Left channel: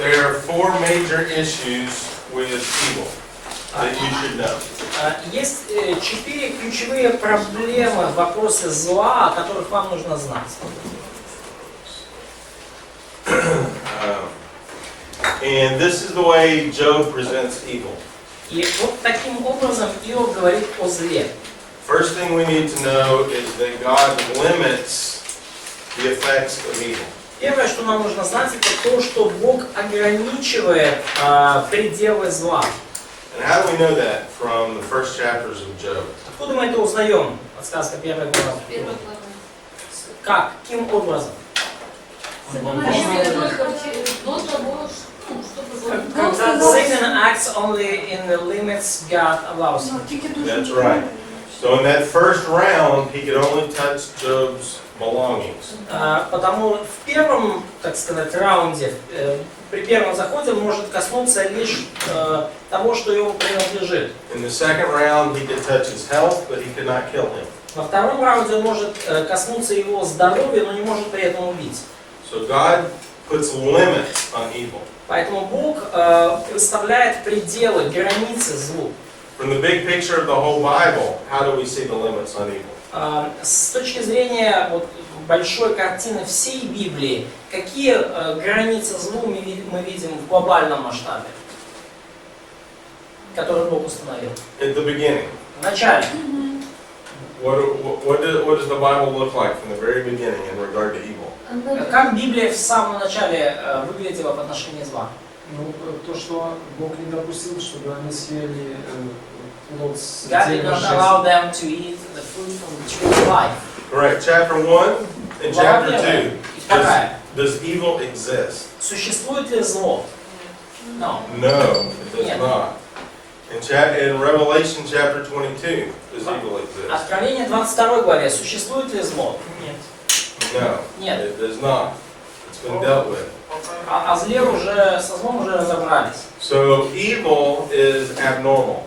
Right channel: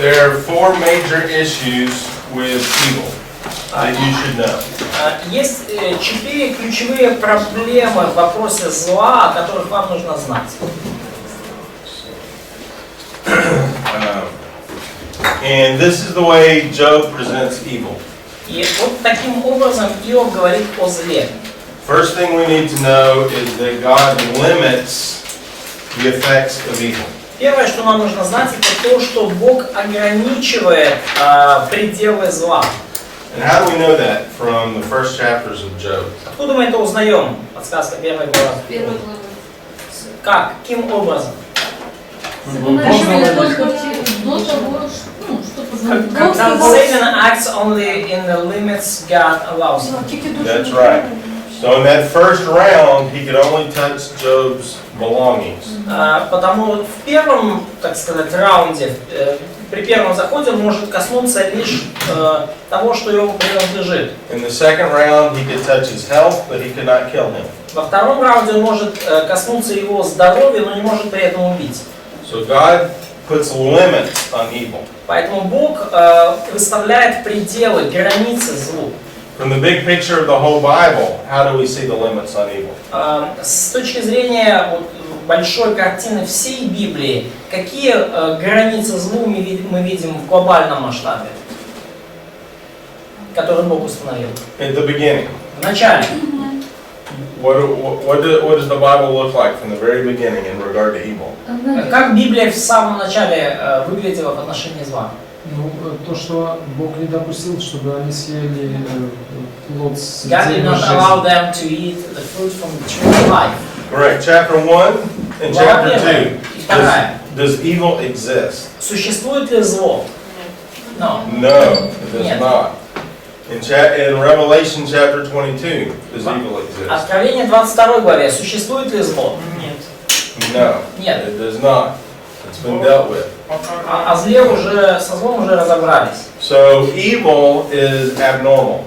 There are four major issues with evil that you should know. Есть 4 ключевые проблемы в вопросе зла, о которых вам нужно знать. And this is the way Job presents evil. И вот таким образом Иов говорит о зле. First thing we need to know is that God limits the effects of evil. Первое, что нам нужно знать, это то, что Бог ограничивает пределы зла. And how do we know that from the first chapters of Job? Откуда мы это узнаем? Подсказка первой главы. Как? Каким образом? Когда Satan acts only in the limits God allows him. That's right. So in that first round, he could only touch Job's belongings. Потому в первом, так сказать, раунде, при первом заходе он может коснуться лишь того, что ему принадлежит. In the second round, he could touch his health, but he could not kill him. Во втором раунде он может коснуться его здоровья, но не может при этом убить. So God puts limits on evil. Поэтому Бог выставляет пределы, границы злу. From the big picture of the whole Bible, how do we see the limits on evil? С точки зрения вот, большой картины всей Библии, какие границы злу мы видим в глобальном масштабе, которые Бог установил? At the beginning. В начале. What does the Bible look like from the very beginning in regard to evil? Как Библия в самом начале выглядела в отношении зла? Ну, то, что Бог не допустил, чтобы они съели плод с God did дерева not allow жизни. them to eat the fruit from the tree of life. Right, chapter 1 and chapter 2. Вторая. Does evil exist? Существует ли зло? No. No, it does Нет. not. In Revelation chapter 22, does evil exist? Откровение 22 главе. Существует ли зло? No, Нет. it does not. It's been dealt with. О зле уже, со злом уже разобрались. So evil is abnormal.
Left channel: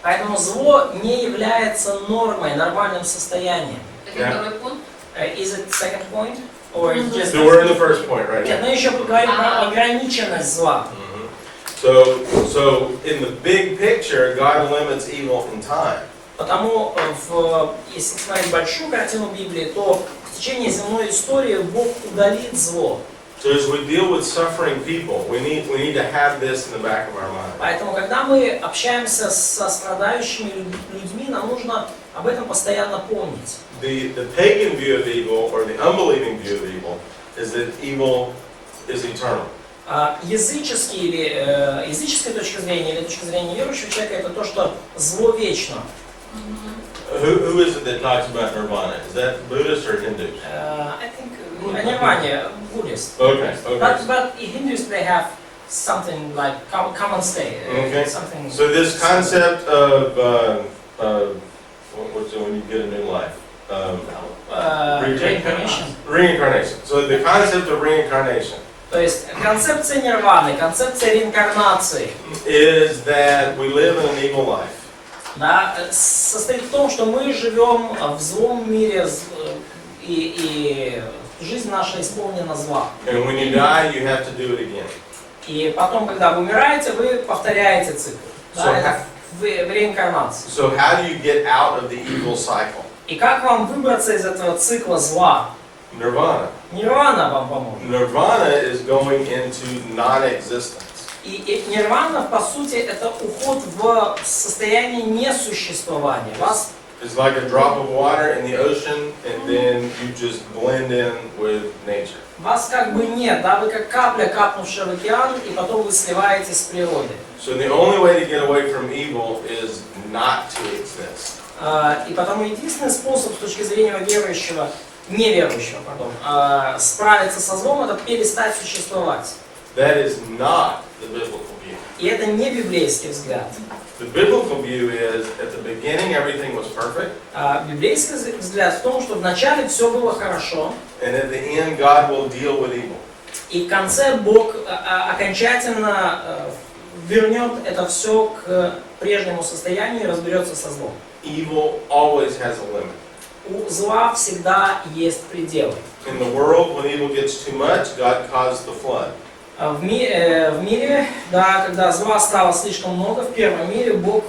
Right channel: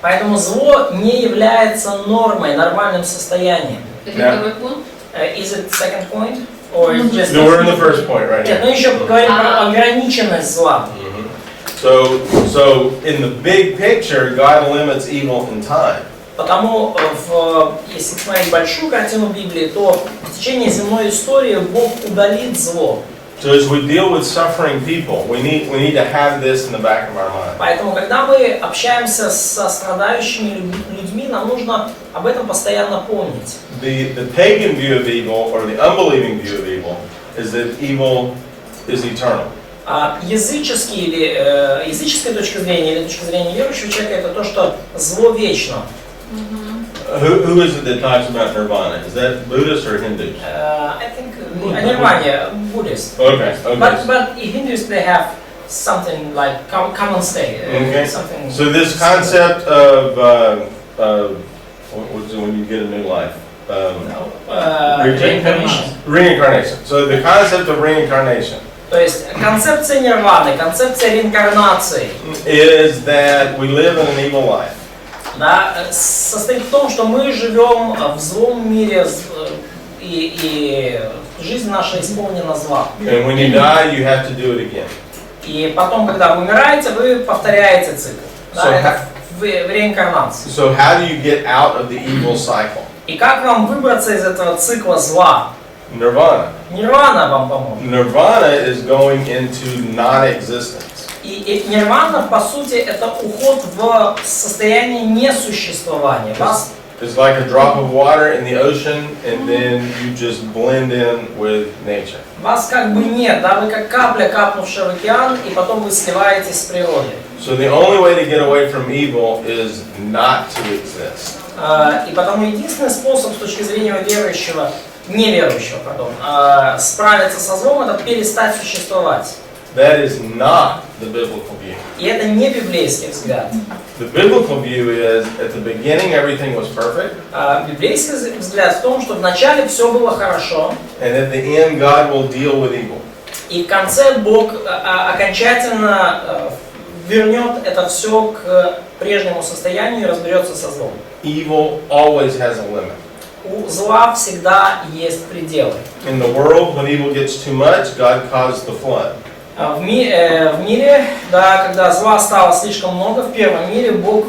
Поэтому зло не является нормой, нормальным состоянием. Yeah. Is it second point? Or is just... No, we're in the first point right Нет, now. мы еще поговорим про ограниченность зла. So in the big picture, God limits evil in time. Потому, если смотреть большую картину Библии, то в течение земной истории Бог удалит зло. So as we deal with suffering people, we need to have this in the back of our mind. Поэтому, когда мы общаемся со страдающими людьми, нам нужно об этом постоянно помнить. The pagan view of evil, or the unbelieving view of evil, is that evil is eternal. Языческая точка зрения или точка зрения верующего человека это то, что зло вечно. Who is it that talks about nirvana? Is that Buddhist or Hindus? I think Nirvana, Buddhist. Okay. But Hindus they have something like common state. Okay. Something. So this concept of what's it when you get a new life? Reincarnation. Reincarnation. So the concept of reincarnation. То есть концепция нирваны, концепция реинкарнации is that we live in an evil life. Да, состоит в том, что мы живем в злом мире, и жизнь наша исполнена зла. And when you die, you have to do it again. И потом, когда вы умираете, вы повторяете цикл. Да, это в реинкарнации. So how do you get out of the evil cycle? И как вам выбраться из этого цикла зла? Nirvana. Нирвана вам поможет. Nirvana is going into non-existence. И нирвана, по сути, это уход в состояние несуществования. It's like a drop of water in the ocean, and then you just blend in with nature. Вас как бы нет, да, вы как капля, капнувшая в океан, и потом вы сливаетесь с природой. So the only way to get away from evil is not to exist. И потому единственный способ с точки зрения верующего, неверующего, справиться со злом, это перестать существовать. That is not the biblical view. И это не библейский взгляд. The biblical view is, at the beginning everything was perfect. Библейский взгляд в том, что вначале все было хорошо. And at the end God will deal with evil. И в конце Бог окончательно вернет это все к прежнему состоянию и разберется со злом. Evil always has a limit. У зла всегда есть пределы. In the world, when evil gets too much, God caused the flood. В мире, да, когда зла стало слишком много, в первом мире Бог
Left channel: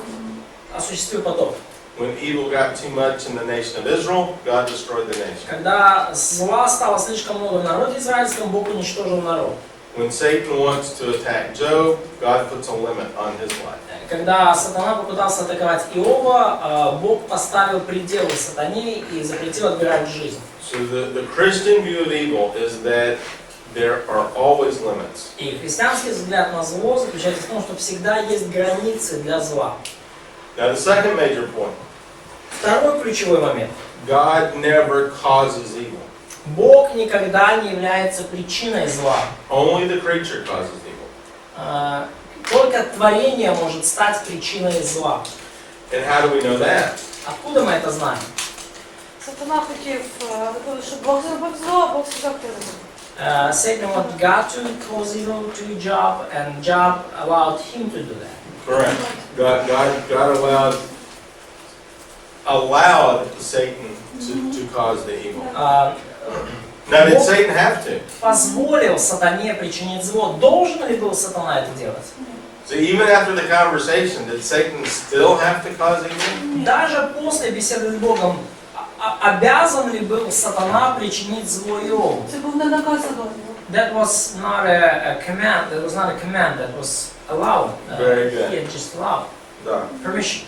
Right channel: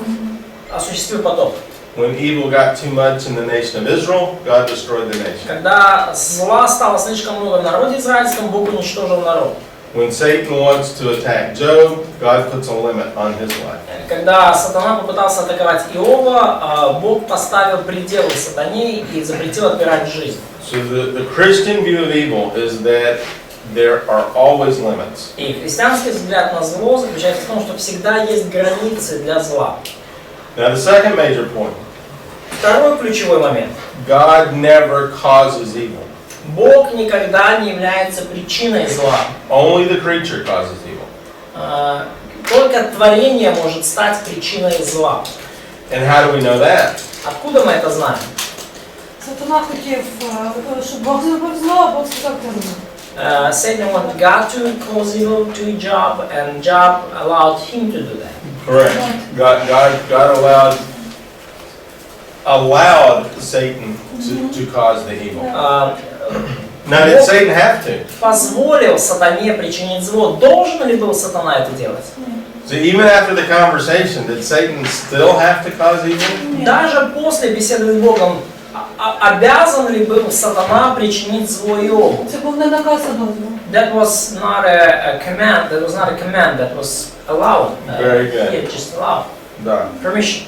осуществил потоп. When evil got too much in the nation of Israel, God destroyed the nation. Когда зла стало слишком много в народе израильском, Бог уничтожил народ. When Satan wants to attack Job, God puts a limit on his life. Когда сатана попытался атаковать Иова, Бог поставил пределы сатане и запретил отбирать жизнь. So the Christian view of evil is that there are always limits. И христианский взгляд на зло заключается в том, что всегда есть границы для зла. Now the second major point, Второй ключевой момент. God never causes evil. Бог никогда не является причиной зла. Only the creature causes evil. Только творение может стать причиной зла. And how do we know that? Откуда мы это знаем? Сатана хотів, щоб Бог зробив зло, а Бог сказав не робити. Satan wanted God to cause evil to Job, and Job allowed him to do that. Correct. God allowed Satan to cause the evil. Now did Satan have to? Позволил сатане причинить зло. Должен ли был сатана это делать? So even after the conversation, did Satan still have to cause evil? Даже после беседы с Богом, обязан ли был сатана причинить зло Иову? Це був не наказ, а дозвіл. That was not a command. That was not a command. That was allowed. Very good. Yeah, just allowed. Да. Permission.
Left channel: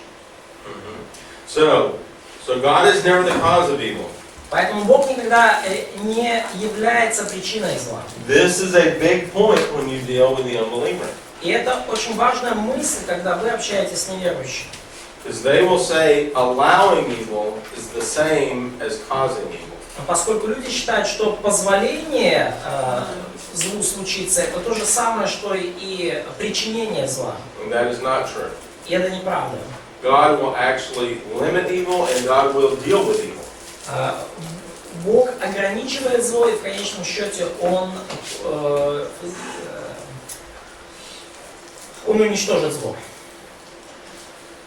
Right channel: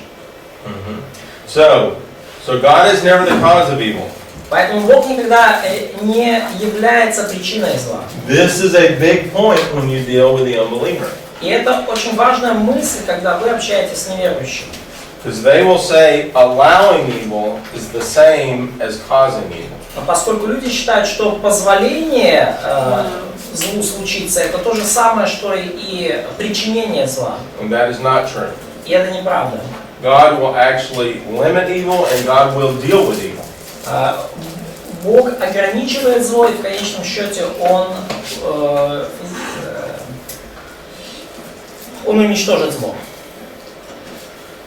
So God is never the cause of evil. Поэтому Бог никогда не является причиной зла. This is a big point when you deal with the unbeliever. И это очень важная мысль, когда вы общаетесь с неверующими. Because they will say allowing evil is the same as causing evil. Но поскольку люди считают, что позволение злу случиться, это то же самое, что и причинение зла. And that is not true. И это неправда. God will actually limit evil and God will deal with evil. Бог ограничивает зло, и в конечном счете Он уничтожит зло.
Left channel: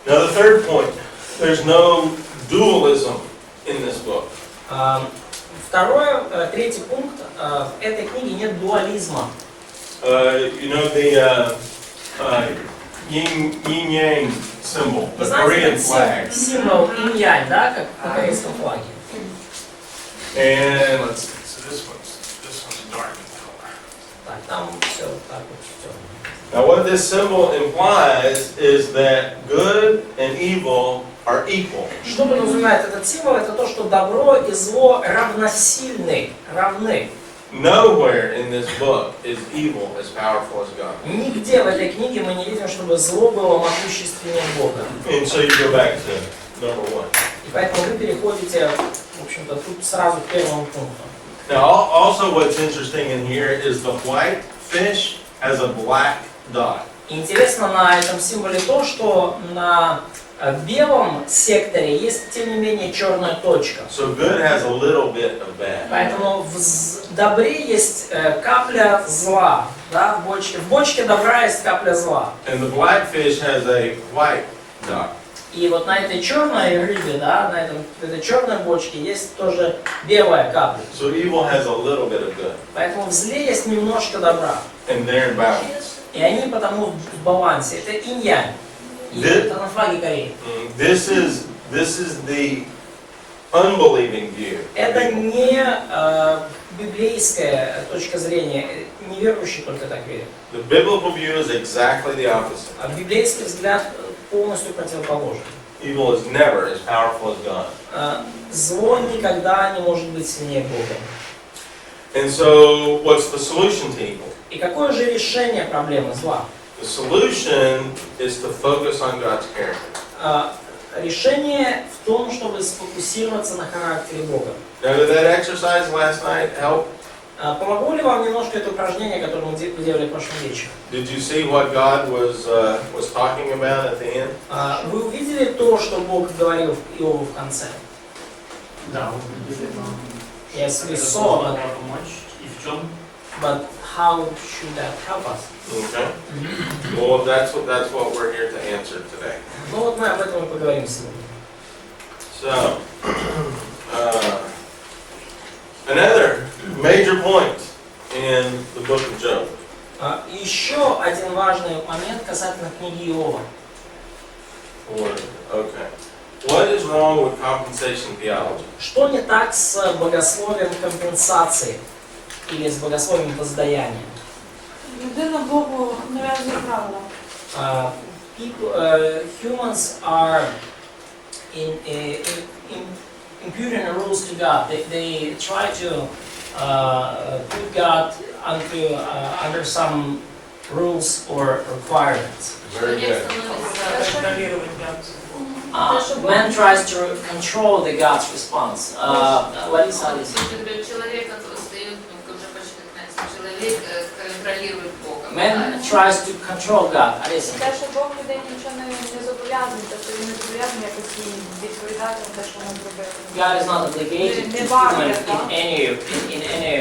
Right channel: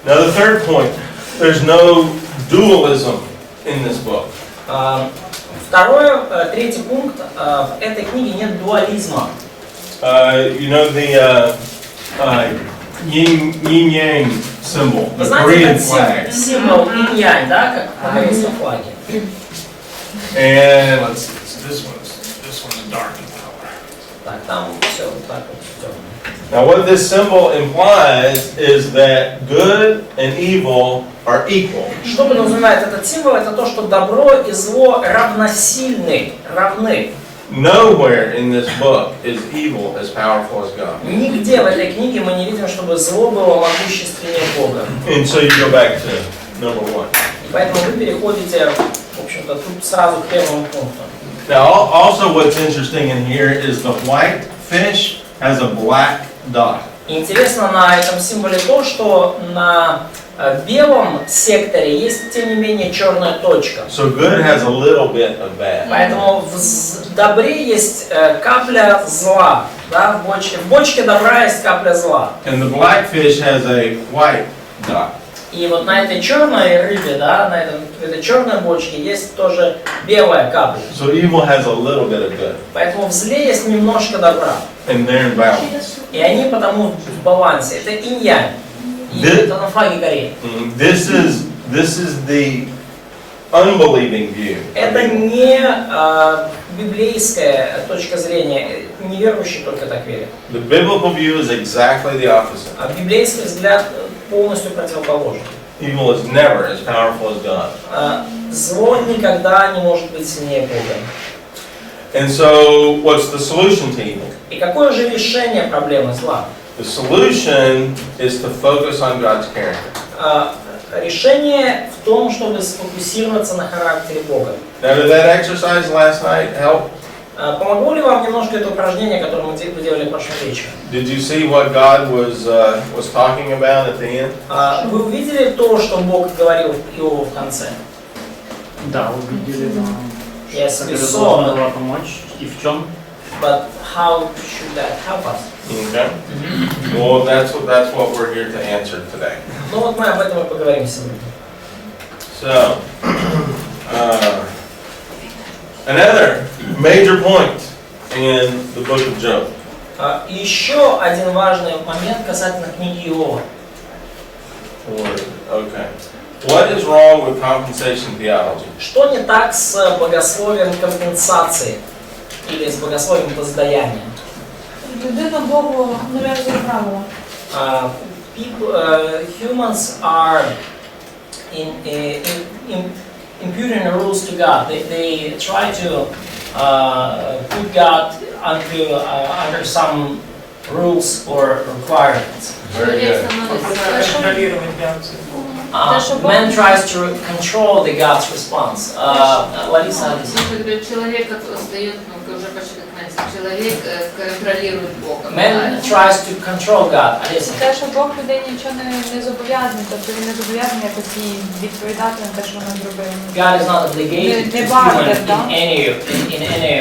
Now the third point, there's no dualism in this book. Третий пункт, в этой книге нет дуализма. You know the yin-yang symbol, the Korean Знаете, flag. этот символ инь-янь, да, как на корейском флаге? And let's see, so this one's dark in color. Так, там все вот так вот темно. Now what this symbol implies is that good and evil are equal. Что подразумевает этот символ? Это то, что добро и зло равносильны, равны. Nowhere in this book is evil as powerful as God. Нигде в этой книге мы не видим, чтобы зло было могущественнее Бога. And so you go back to number one. И поэтому вы переходите, в общем-то, тут сразу к первому пункту. Now also what's interesting in here is the white fish has a black dot. Интересно на этом символе то, что на белом секторе есть, тем не менее, черная точка. So good has a little bit of bad. Поэтому в добре есть капля зла. Да, в бочке добра есть капля зла. And the black fish has a white dot. И вот на этой черной рыбе, да, в этой черной бочке есть тоже белая капля. So evil has a little bit of good. Поэтому в зле есть немножко добра. And they're in balance. И они потому в балансе. Это инь-янь. И это на флаге Кореи. This is the unbelieving view. Это не библейская точка зрения. Неверующий только так верит. The biblical view is exactly the opposite. А библейский взгляд полностью противоположен. Evil is never as powerful as God. Зло никогда не может быть сильнее Бога. And so, what's the solution to evil? И какое же решение проблемы зла? The solution is to focus on God's character. Решение в том, чтобы сфокусироваться на характере Бога. Now, did that exercise last night help? Помогло ли вам немножко это упражнение, которое мы делали прошлым вечером? Did you see what God was talking about at the end? Вы увидели то, что Бог говорил Иову в конце? Да, увидели, но Yes, как we это saw, должно было помочь и в чем? but how should that help us? Okay. Well, that's what we're here to answer today. Ну вот мы об этом и поговорим сегодня. So, another major point in the book of Job. И еще один важный момент касательно книги Иова. Okay. What is wrong with compensation theology? Что не так с богословием компенсации или с богословием воздаяния? Людина Богу нав'язує правила. Humans are imputing rules to God. They try to put God under some rules or requirements. Very good. Man tries to control the God's response. Лариса, Человек остается, уже почти человек контролирует Бога. Man tries to control God. Алиса. Те, що Бог людей нічого не зобов'язаний, тобто він не зобов'язаний якось відповідати на те, що він зробив. God is not obligated to human in any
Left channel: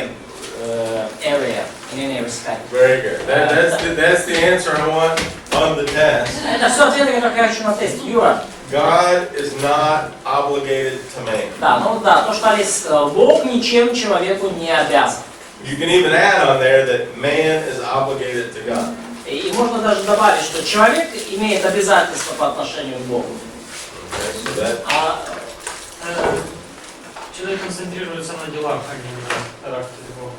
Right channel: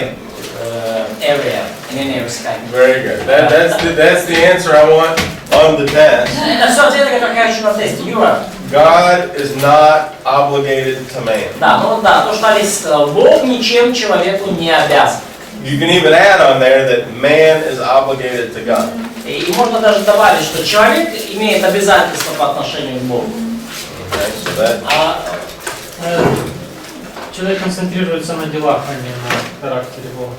area, in any respect. Very good. That's the answer I want on the test. Это все ответы, которые я хочу на тесте. Юра. God is not obligated to man. Да, ну да, то, что Алиса сказала, Бог ничем человеку не обязан. You can even add on there that man is obligated to God. И можно даже добавить, что человек имеет обязательства по отношению к Богу. Okay, so that, Человек концентрируется на делах, а не на характере Бога.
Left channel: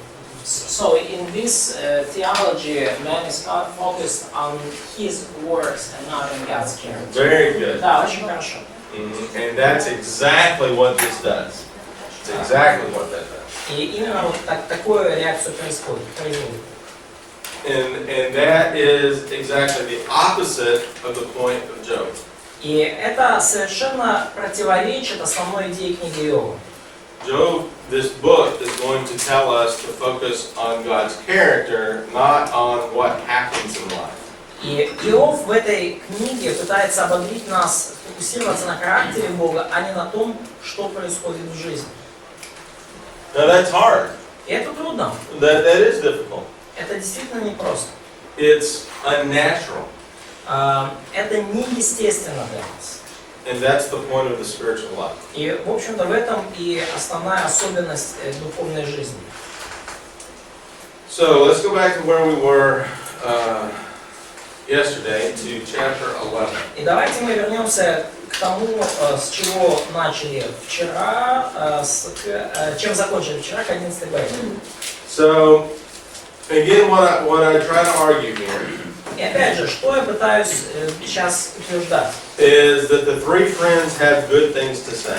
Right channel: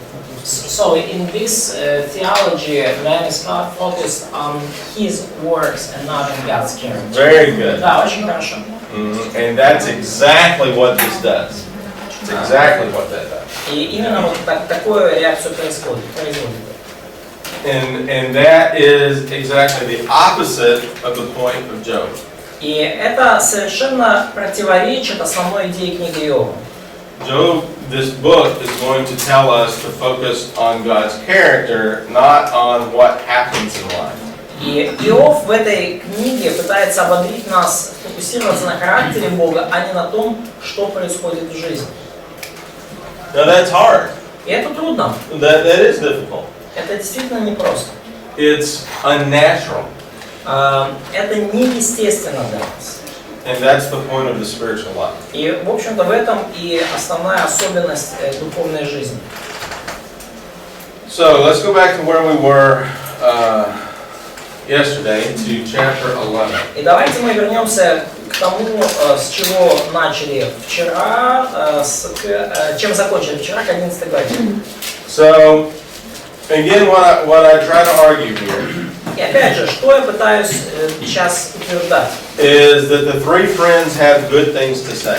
So in this theology, man is not focused on his works and not on God's character. very good. Да, очень хорошо. And that's exactly what this does. It's exactly what that does. И именно вот такую реакцию производит. And that is exactly the opposite of the point of Job. И это совершенно противоречит основной идее книги Иова. Job, this book is going to tell us to focus on God's character, not on what happens in life. И Иов в этой книге пытается ободрить нас фокусироваться на характере Бога, а не на том, что происходит в жизни. Now that's hard. И это трудно. That is difficult. Это действительно непросто. It's unnatural. Это неестественно для нас. And that's the point of the spiritual life. И, в общем-то, в этом и основная особенность духовной жизни. So let's go back to where we were yesterday, to chapter 11. И давайте мы вернемся к тому, с чего начали вчера, чем закончили вчера, к 11 главе. So, again, what I try to argue here И опять же, что я пытаюсь сейчас утверждать? is that the three friends have good things to say.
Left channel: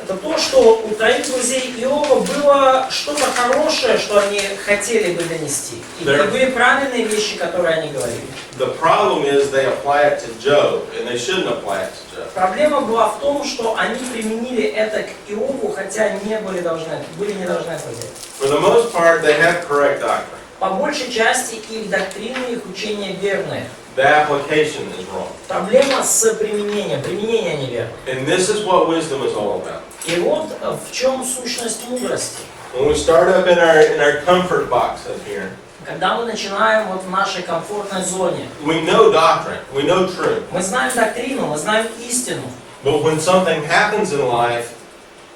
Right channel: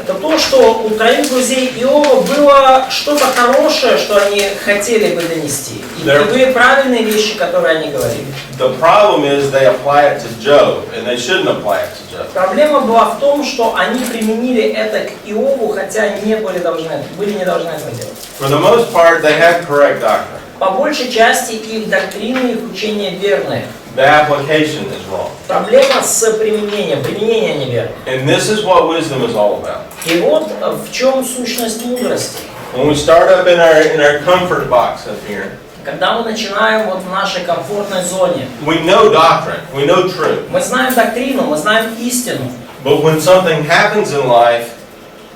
Это то, что у троих друзей Иова было что-то хорошее, что они хотели бы донести. И были правильные вещи, которые они говорили. The problem is they apply it to Job, and they shouldn't apply it to Job. Проблема была в том, что они применили это к Иову, хотя не были не должны этого делать. For the most part, they have correct doctrine. По большей части их доктрины, их учения верные. The application is wrong. Проблема с применением, применение неверно. And this is what wisdom is all about. И вот в чем сущность мудрости. When we start up in our comfort box up here, Когда мы начинаем вот в нашей комфортной зоне, we know doctrine, we know truth. мы знаем доктрину, мы знаем истину. But when something happens in life,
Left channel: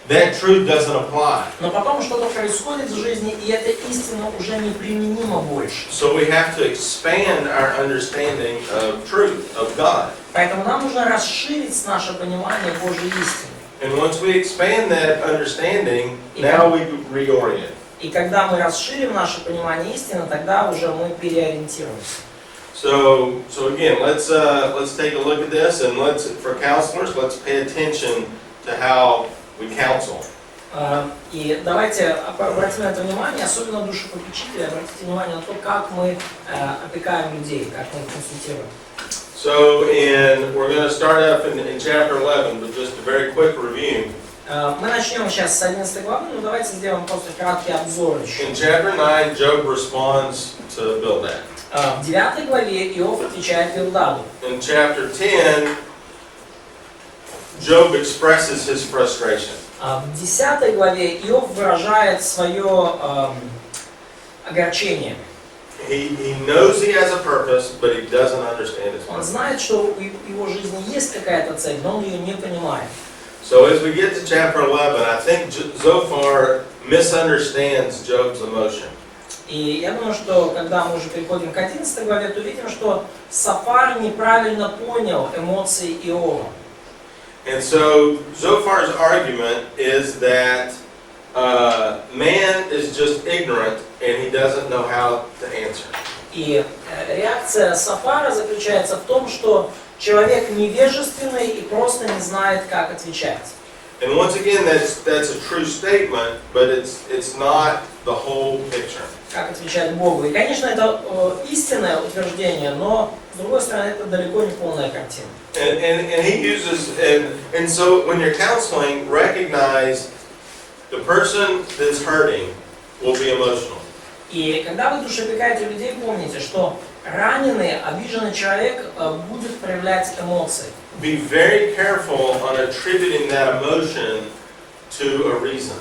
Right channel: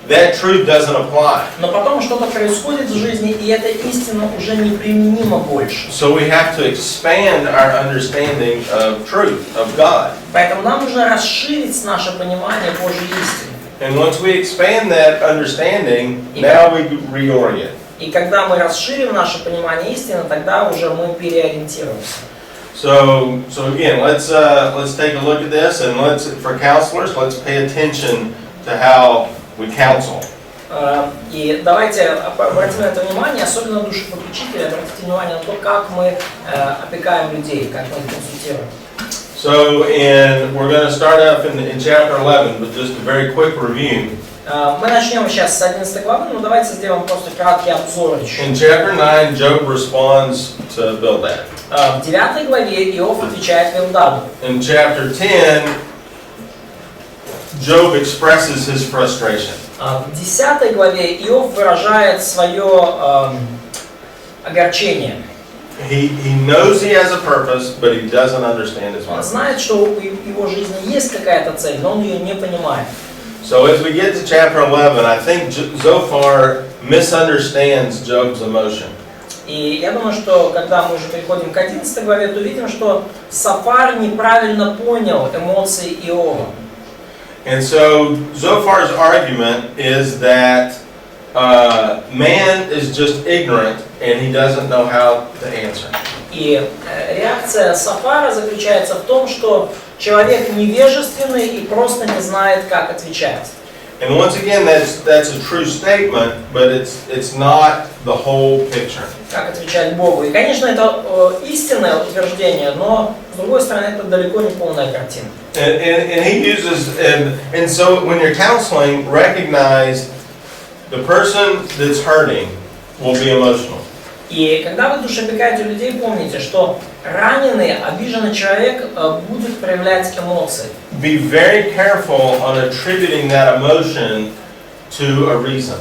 that truth doesn't apply. Но потом что-то происходит в жизни, и эта истина уже неприменима больше. So we have to expand our understanding of truth, of God. Поэтому нам нужно расширить наше понимание Божьей истины. And once we expand that understanding, now we reorient. И когда мы расширим наше понимание истины, тогда уже мы переориентируемся. So again, let's take a look at this, and for counselors, let's pay attention to how we counsel. И давайте обратим на это внимание, особенно душепопечители, обратите внимание на то, как мы опекаем людей, как мы их консультируем. So we're going to start up in chapter 11, but just a very quick review. Мы начнем сейчас с 11 главы, но давайте сделаем просто краткий обзор еще. In chapter 9, Job responds to Bildad. В 9 главе Иов отвечает Билдаду. In chapter 10, Job expresses his frustration. В 10 главе Иов выражает свое огорчение. He knows he has a purpose, but he doesn't understand his Он purpose. знает, что в его жизни есть какая-то цель, но он ее не понимает. So as we get to chapter 11, I think Zophar misunderstands Job's emotion. И я думаю, что когда мы уже переходим к 11 главе, то видим, что Софар неправильно понял эмоции Иова. And so Zophar's argument is that man is just ignorant and he doesn't know how to answer. И реакция Софара заключается в том, что человек невежественный и просто не знает, как отвечать. And once again, that's a true statement, but it's not the whole picture. Как отвечать Богу. И, конечно, это истинное утверждение, но, с другой стороны, это далеко не полная картина. And he uses, and so when you're counseling, recognize the person that's hurting will be emotional. И когда вы душеопекаете людей, помните, что раненый, обиженный человек будет проявлять эмоции. Be very careful on attributing that emotion to a reason.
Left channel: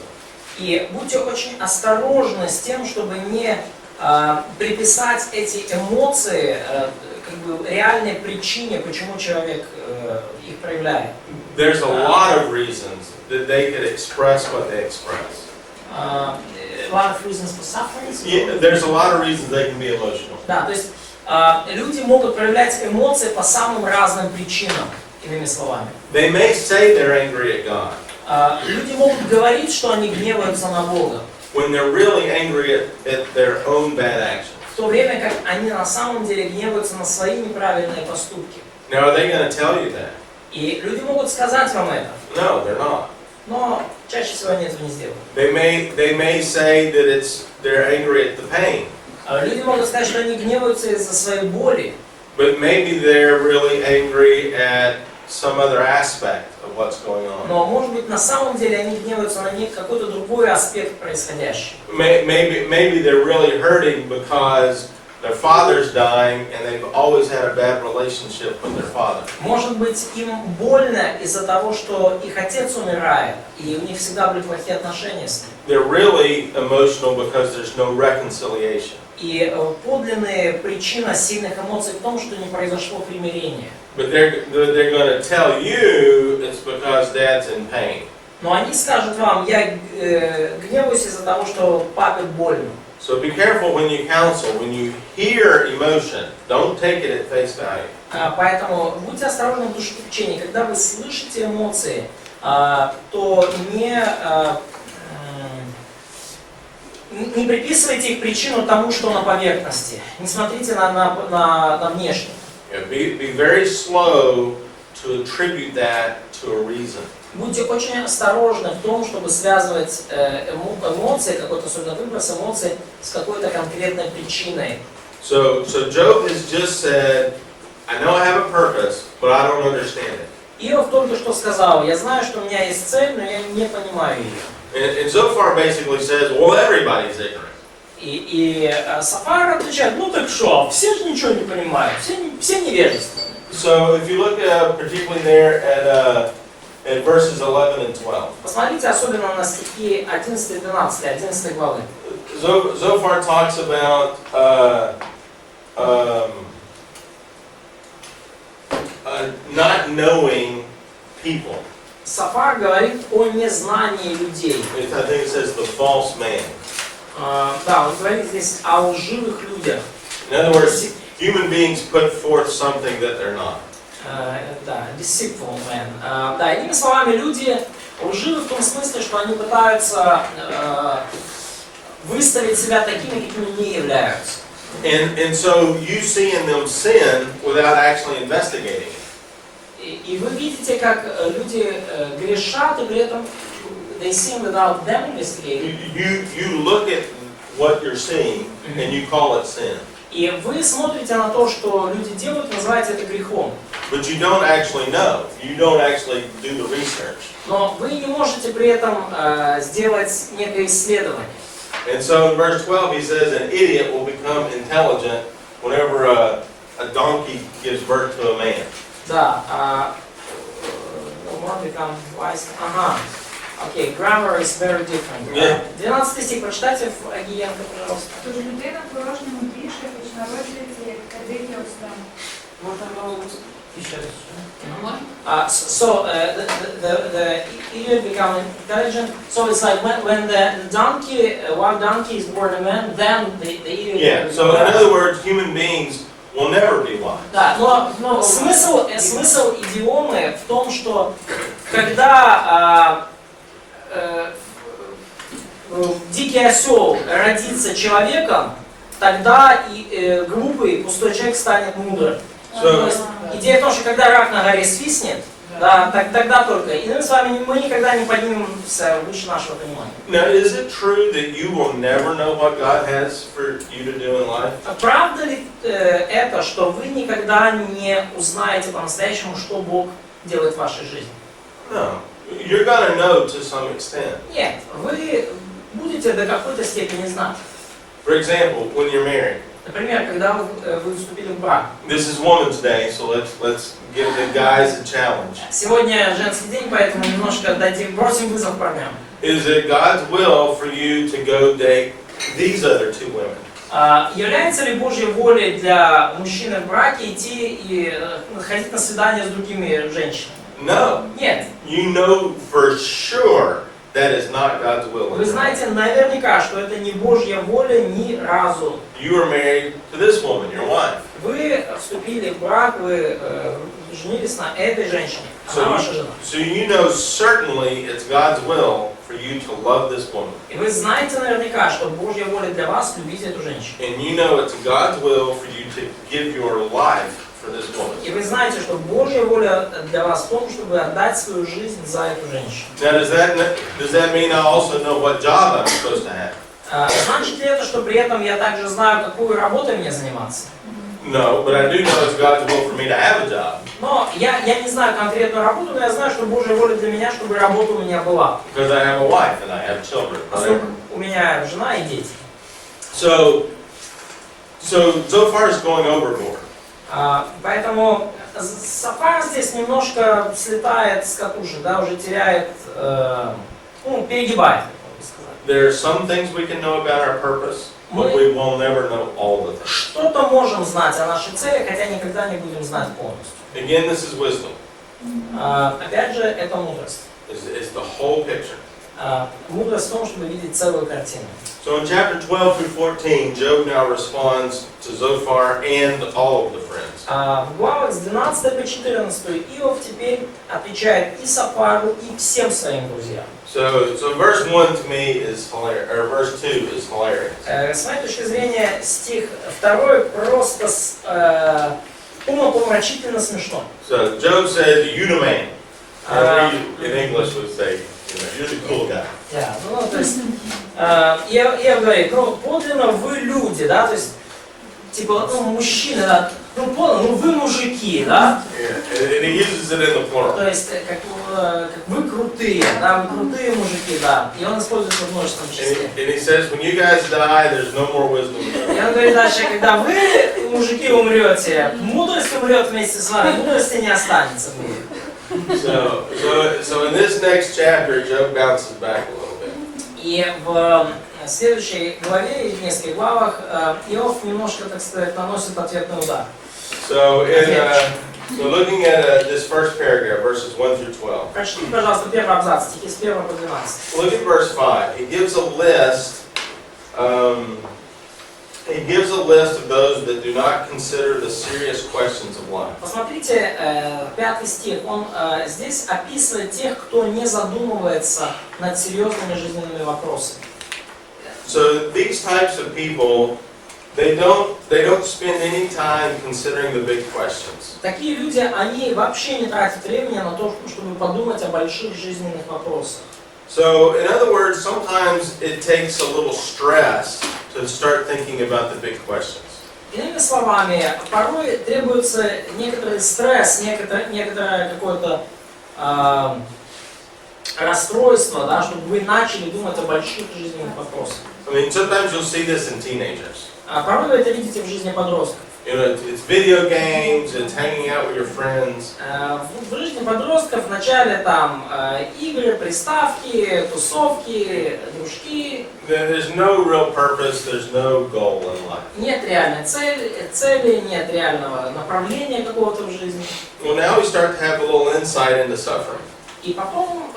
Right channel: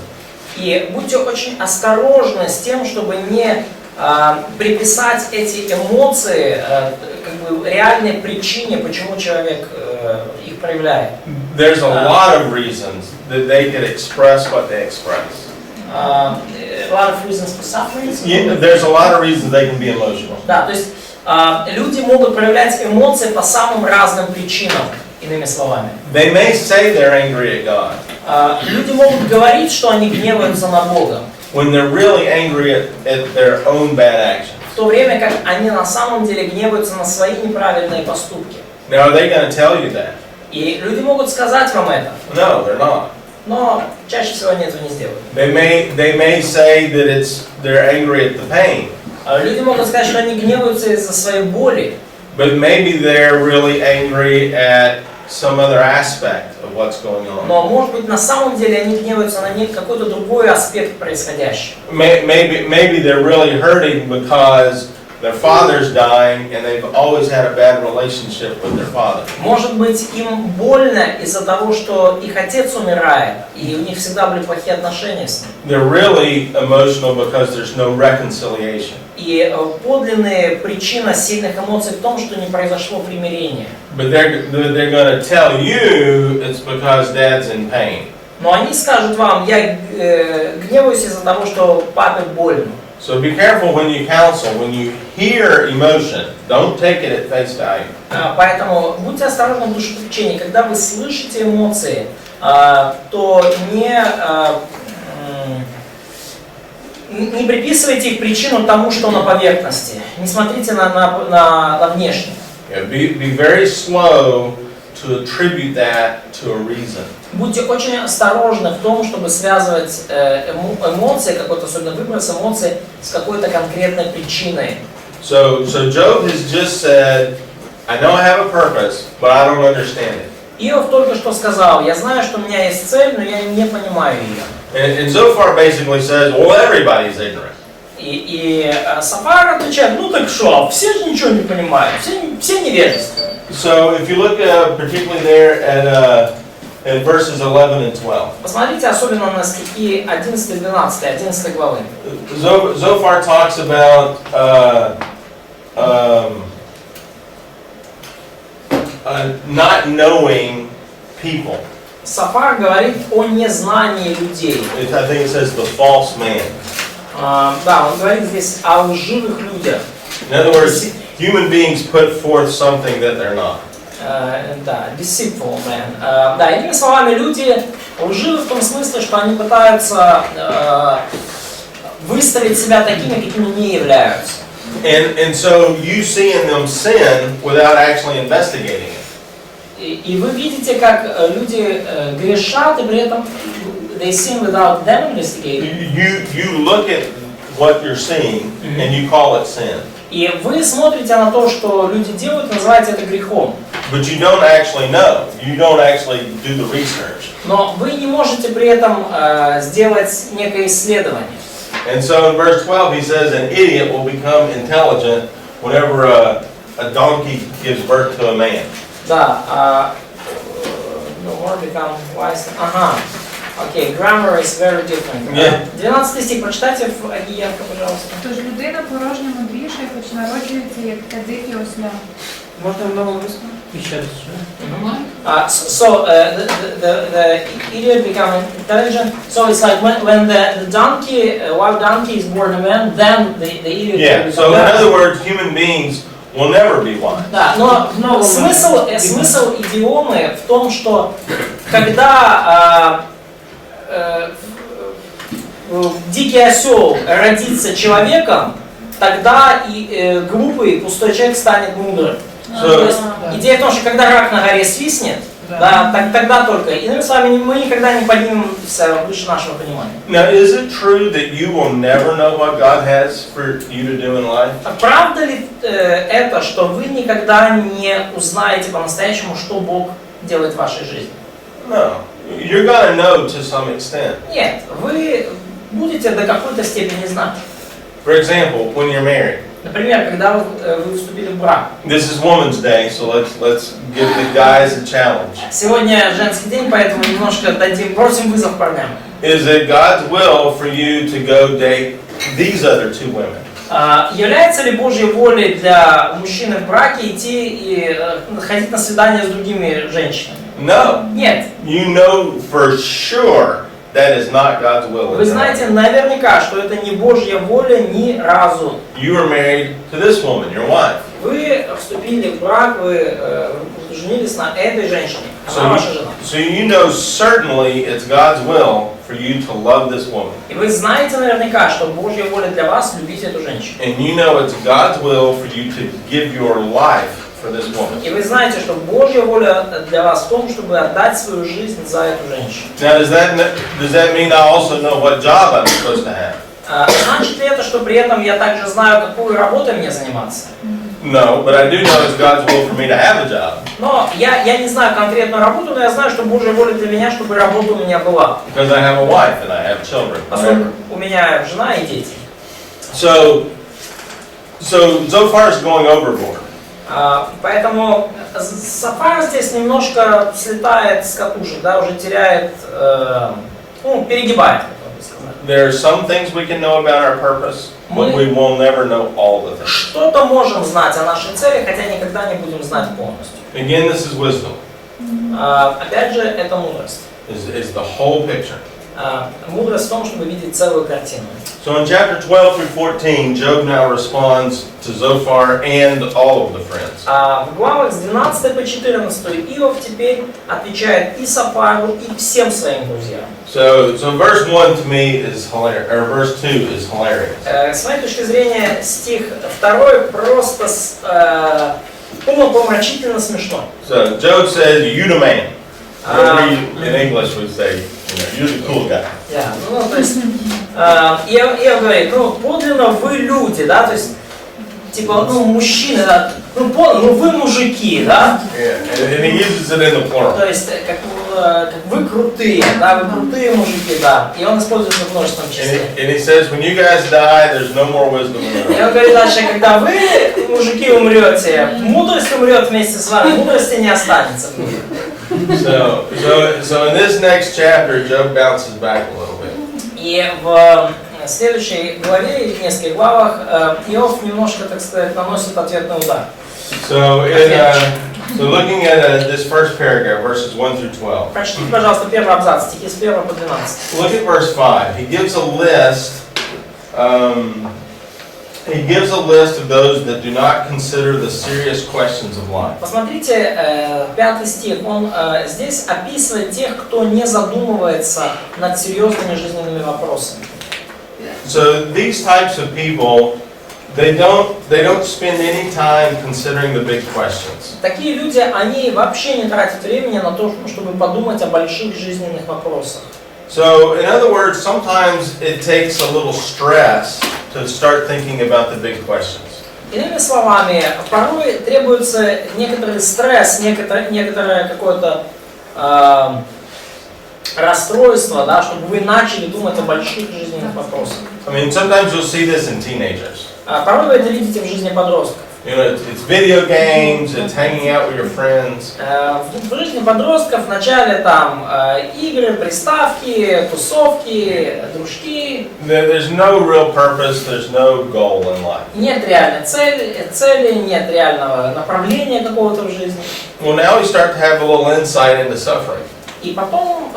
И будьте очень осторожны с тем, чтобы не приписать эти эмоции как бы реальной причине, почему человек их проявляет. There's a lot of reasons that they could express what they express. A lot of reasons for suffering. Yeah, there's a lot of reasons they can be emotional. Да, то есть люди могут проявлять эмоции по самым разным причинам, иными словами. They may say they're angry at God Люди могут говорить, что они гневаются на Бога, when they're really angry at their own bad actions. в то время как они на самом деле гневаются на свои неправильные поступки. Now, are they going to tell you that? И люди могут сказать вам это, No, they're not. но чаще всего они этого не сделают. They may say that they're angry at the pain, Люди могут сказать, что они гневаются из-за своей боли, but maybe they're really angry at some other aspect of what's going on. но, может быть, на самом деле они гневаются на какой-то другой аспект происходящего. Maybe they're really hurting because their father's dying and they've always had a bad relationship with their father. Может быть, им больно из-за того, что их отец умирает, и у них всегда были плохие отношения с ним. They're really emotional because there's no reconciliation. И подлинная причина сильных эмоций в том, что не произошло примирение. But they're going to tell you it's because dad's in pain. Но они скажут вам, я гневаюсь из-за того, что папе больно. So be careful when you counsel. When you hear emotion, don't take it at face value. Поэтому будьте осторожны в душепопечении. Когда вы слышите эмоции, то не приписывайте их причину тому, что на поверхности. Не смотрите на внешнее. Be very slow to attribute that to a reason. Будьте очень осторожны в том, чтобы связывать эмоции, какой-то особенно выброс эмоций, с какой-то конкретной причиной. So Job has just said, I know I have a purpose, but I don't understand it. Иов только что сказал, я знаю, что у меня есть цель, но я не понимаю ее. And Zophar basically says, well, everybody's ignorant. И Софар отвечает, ну так что, все же ничего не понимают, все невежественны. So if you look particularly there at verses 11 and 12. Посмотрите особенно на стихи 11 и 12, 11 главы. Zophar talks about not knowing people. Софар говорит о незнании людей. I think it says the false man. Да, он говорит здесь о лживых людях. In other words, human beings put forth something that they're not. Да, deceitful man. Да, иными словами, люди лживы в том смысле, что они пытаются выставить себя такими, какими не являются. And so you see in them sin without actually investigating it. И вы видите, как люди грешат, и при этом they sin without them investigating. You look at what you're seeing and you call it sin. И вы смотрите на то, что люди делают, называете это грехом. But you don't actually know. You don't actually do the research. Но вы не можете при этом сделать некое исследование. And so in verse 12 he says, an idiot will become intelligent whenever a donkey gives birth to a man. Да, the word become wise. Ага. Окей, grammar is very different. 12 стих, прочитайте в Агієнка, пожалуйста. Тож людина порожньо мудріша, хоч народжується, як та дикі осла. Можна нову висновку? Еще раз. The idiot become intelligent. So it's like when the donkey, wild donkey is born a man, then the idiot. Yeah, so in other words, human beings will never be wise. Да, но смысл идиомы в том, что когда дикий осел родится человеком, тогда и глупый, пустой человек станет мудрым. То есть идея в том, что когда рак на горе свистнет, да, тогда только. Иными словами, мы никогда не поднимемся выше нашего понимания. Now, is it true that you will never know what God has for you to do in life? Правда ли это, что вы никогда не узнаете по-настоящему, что Бог делает в вашей жизни? No. You're gonna know to some extent. Нет, вы будете до какой-то степени знать. For example, when you're married. Например, когда вы вступили в брак. This is Women's Day, so let's give the guys a challenge. Сегодня женский день, поэтому немножко бросим вызов парням. Is it God's will for you to go date these other two women? Является ли Божьей волей для мужчины в браке идти и ходить на свидание с другими женщинами? No. Нет. You know for sure that is not God's will. Вы знаете наверняка, что это не Божья воля ни разу. You are married to this woman, your wife. Вы вступили в брак, вы женились на этой женщине, она ваша жена. So you know certainly it's God's will for you to love this woman. И вы знаете наверняка, что Божья воля для вас любить эту женщину. And you know it's God's will for you to give your life for this woman. И вы знаете, что Божья воля для вас в том, чтобы отдать свою жизнь за эту женщину. Now does that mean I also know what job I'm supposed to have? Значит ли это, что при этом я также знаю, какую работой мне заниматься? No, but I do know it's God's will for me to have a job. Но я не знаю конкретную работу, но я знаю, что Божья воля для меня, чтобы работа у меня была. Because I have a wife and I have children. Поскольку у меня жена и дети. So Zophar is going overboard. Поэтому Софар здесь немножко слетает с катушек, да, уже теряет, перегибает. There are some things we can know about our purpose, but we will never know all the things. Что-то можем знать о нашей цели, хотя никогда не будем знать полностью. Again, this is wisdom. Опять же, это мудрость. Is the whole picture. Мудрость в том, чтобы видеть целую картину. So in chapter 12 through 14, Job now responds to Zophar and all of the friends. В главах с 12 по 14 Иов теперь отвечает и Софару, и всем своим друзьям. So verse 1 to me is hilarious, or verse 2 is hilarious. С моей точки зрения, стих 2 просто умопомрачительно смешно. So Job says, "You the man." In English would say, you're the cool guy. Yeah. То есть, Иов говорит, подлинно вы люди, да, то есть, типа, мужчины, да, вы мужики, да. Yeah, and he uses it in the plural. То есть, как вы крутые, да, вы крутые мужики, да. И он использует это в множественном числе. And he says, when you guys die, there's no more wisdom in the И он говорит дальше, когда вы, мужики, умрете, мудрость умрет вместе с вами, мудрости не останется в мире. So in this next chapter, Job bounces back a little bit. И в следующей главе, в нескольких главах, Иов немножко, так сказать, наносит ответный удар. So looking at this first paragraph, verses 1 through 12. Прочтите, пожалуйста, первый абзац, стихи с 1 по 12. Look at verse 5. He gives a list. He gives a list of those that do not consider the serious questions of life. Посмотрите, 5 стих. Он здесь описывает тех, кто не задумывается над серьезными жизненными вопросами. So these types of people, they don't spend any time considering the big questions. Такие люди, они вообще не тратят времени на то, чтобы подумать о больших жизненных вопросах. So, in other words, sometimes it takes a little stress to start thinking about the big questions. Иными словами, порой требуется некоторый стресс, некоторое какое-то расстройство, да, чтобы вы начали думать о больших жизненных вопросах. I mean, sometimes you'll see this in teenagers. Порой вы это видите в жизни подростков. You know, it's video games, it's hanging out with your friends. В жизни подростков вначале там игры, приставки, тусовки, дружки. There's no real purpose, there's no goal in life. Нет реальной цели, нет реального направления какого-то в жизни. Well, now we start to have a little insight into suffering. И потом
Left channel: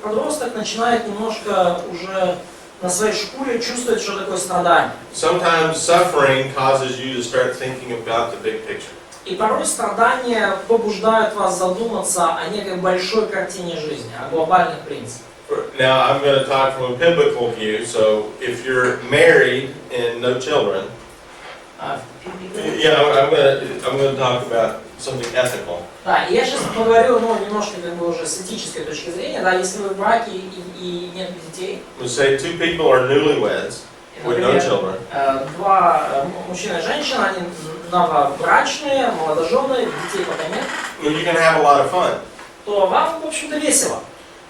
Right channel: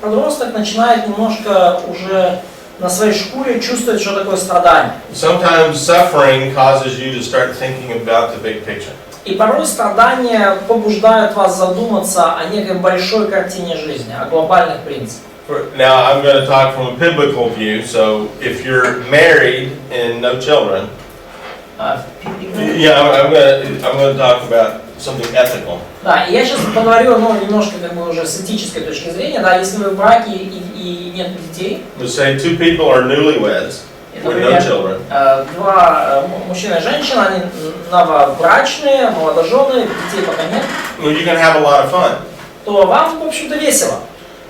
подросток начинает немножко уже на своей шкуре чувствовать, что такое страдание. Sometimes suffering causes you to start thinking about the big picture. И порой страдания побуждают вас задуматься о некой большой картине жизни, о глобальных принципах. Now, I'm going to talk from a biblical view, so if you're married and no children, yeah, I'm going to talk about something ethical. Да, и я сейчас поговорю, немножко как бы уже с этической точки зрения, да, если вы в браке и нет детей. Let's say two people are newlyweds with no children. Два мужчина и женщина, они новобрачные, молодожены, детей пока нет. Well, you can have a lot of fun. То вам, в общем-то, весело.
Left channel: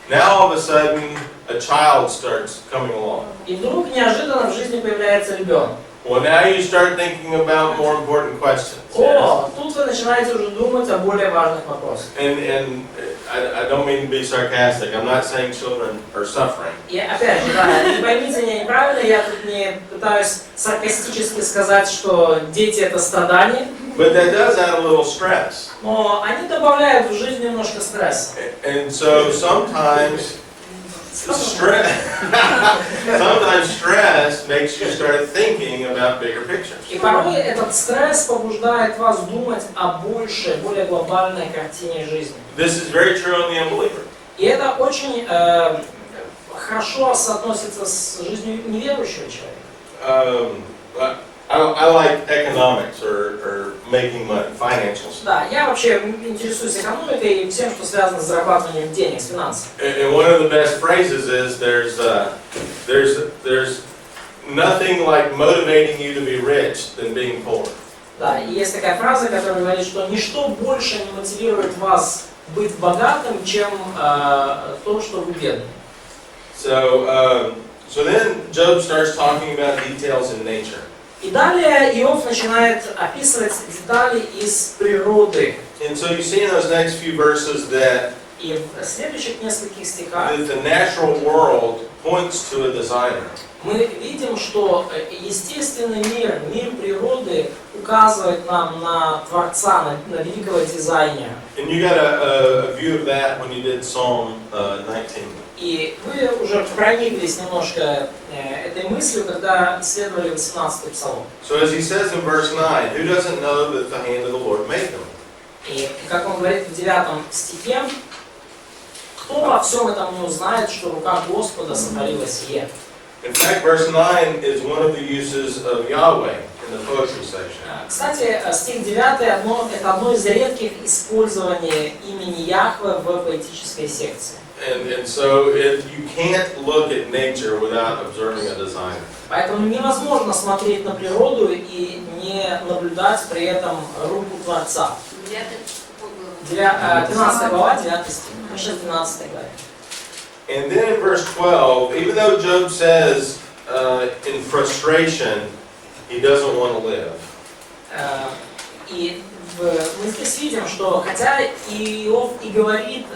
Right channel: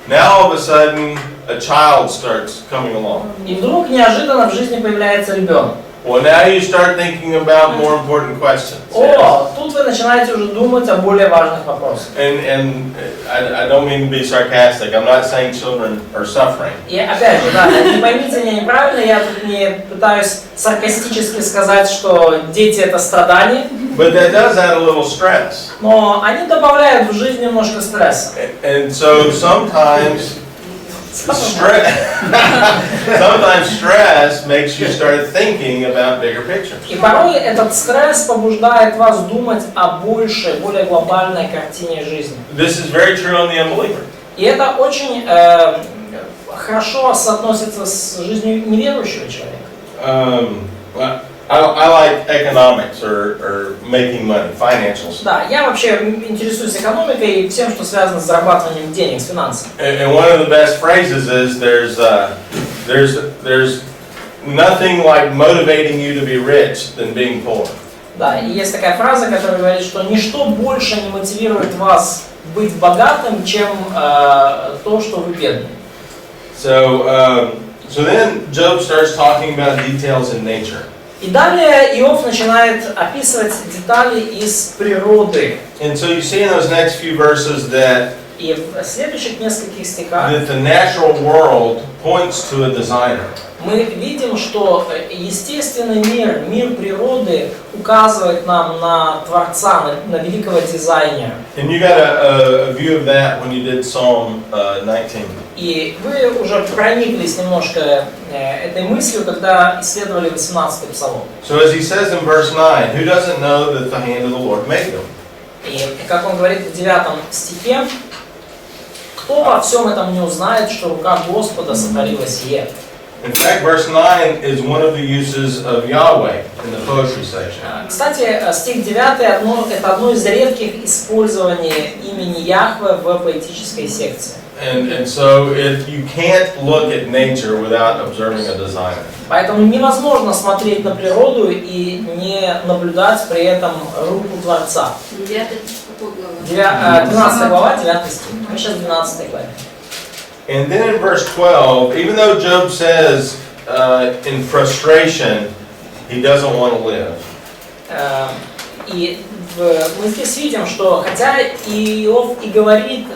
Now all of a sudden, a child starts coming along. И вдруг неожиданно в жизни появляется ребенок. Well, now you start thinking about more important questions. О, тут вы начинаете уже думать о более важных вопросах. And I don't mean to be sarcastic. I'm not saying children are suffering. И опять же, да, не поймите меня неправильно, я тут не пытаюсь саркастически сказать, что дети это страдание. But that does add a little stress. Но они добавляют в жизнь немножко стресса. And so sometimes stress makes you start thinking about bigger pictures. И порой этот стресс побуждает вас думать о большей, более глобальной картине жизни. This is very true on the unbeliever. И это очень хорошо соотносится с жизнью неверующего человека. I like economics or making money, financial stuff. Да, я вообще интересуюсь экономикой и всем, что связано с зарабатыванием денег, с финансами. And one of the best phrases is there's nothing like motivating you to be rich than being poor. Да, и есть такая фраза, которая говорит, что ничто больше не мотивирует вас быть богатым, чем то, что вы бедны. So then Job starts talking about details in nature. И далее Иов начинает описывать детали из природы. And so you see in those next few verses that И в следующих нескольких стихах the natural world points to a designer. мы видим, что естественный мир, мир природы указывает нам на Творца, на великого дизайнера. And you got a view of that when you did Psalm 19. И вы уже прониклись немножко этой мыслью, когда исследовали 18-й Псалом. So as he says in verse 9, who doesn't know that the hand of the Lord made them? И как он говорит в 9 стихе, кто во всем этом не узнает, что рука Господа сотворила сие? In fact, verse 9 is one of the uses of Yahweh in the poetry section. Кстати, стих 9 это одно из редких использований имени Яхве в поэтической секции. And so you can't look at nature without observing a designer. Поэтому невозможно смотреть на природу и не наблюдать при этом руку Творца. 12 глава, 9 стих. Мы сейчас в 12 главе. And then in verse 12, even though Job says in frustration he doesn't want to live. И мы здесь видим, что хотя Иов и говорит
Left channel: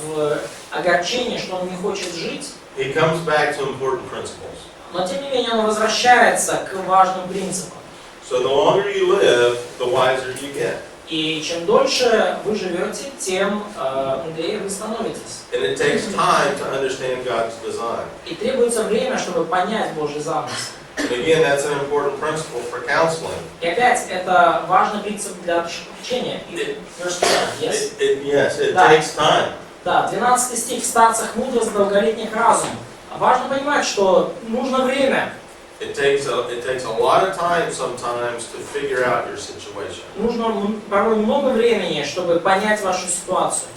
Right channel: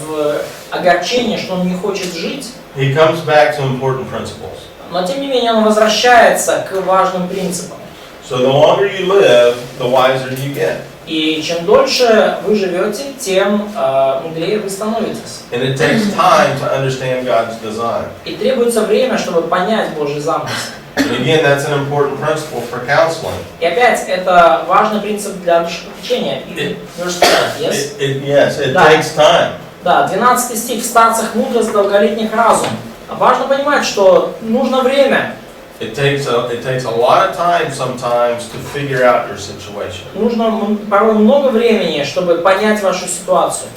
в огорчении, что он не хочет жить, He comes back to important principles. но тем не менее он возвращается к важным принципам. So the longer you live, the wiser you get. И чем дольше вы живете, тем мудрее вы становитесь. And it takes time to understand God's design. И требуется время, чтобы понять Божий замысел. And again, that's an important principle for counseling. И опять, это важный принцип для душепопечения. Yes, it takes time. Да, 12 стих. В старцах мудрость, долголетних разум. Важно понимать, что нужно время. It takes a lot of time sometimes to figure out your situation. Нужно порой много времени, чтобы понять вашу ситуацию.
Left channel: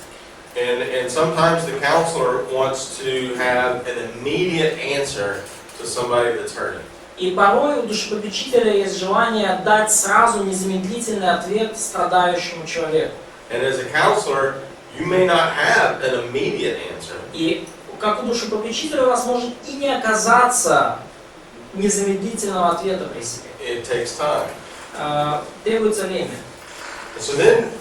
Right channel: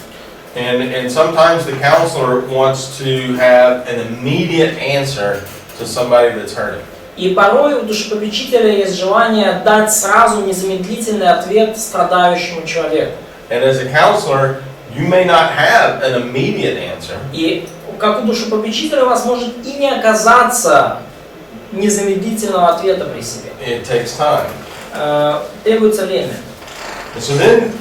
And sometimes the counselor wants to have an immediate answer to somebody that's hurting. И порой у душепопечителя есть желание дать сразу незамедлительный ответ страдающему человеку. And as a counselor, you may not have an immediate answer. И как у душепопечителя у вас может и не оказаться незамедлительного ответа при себе. It takes time. требуется время. And so then,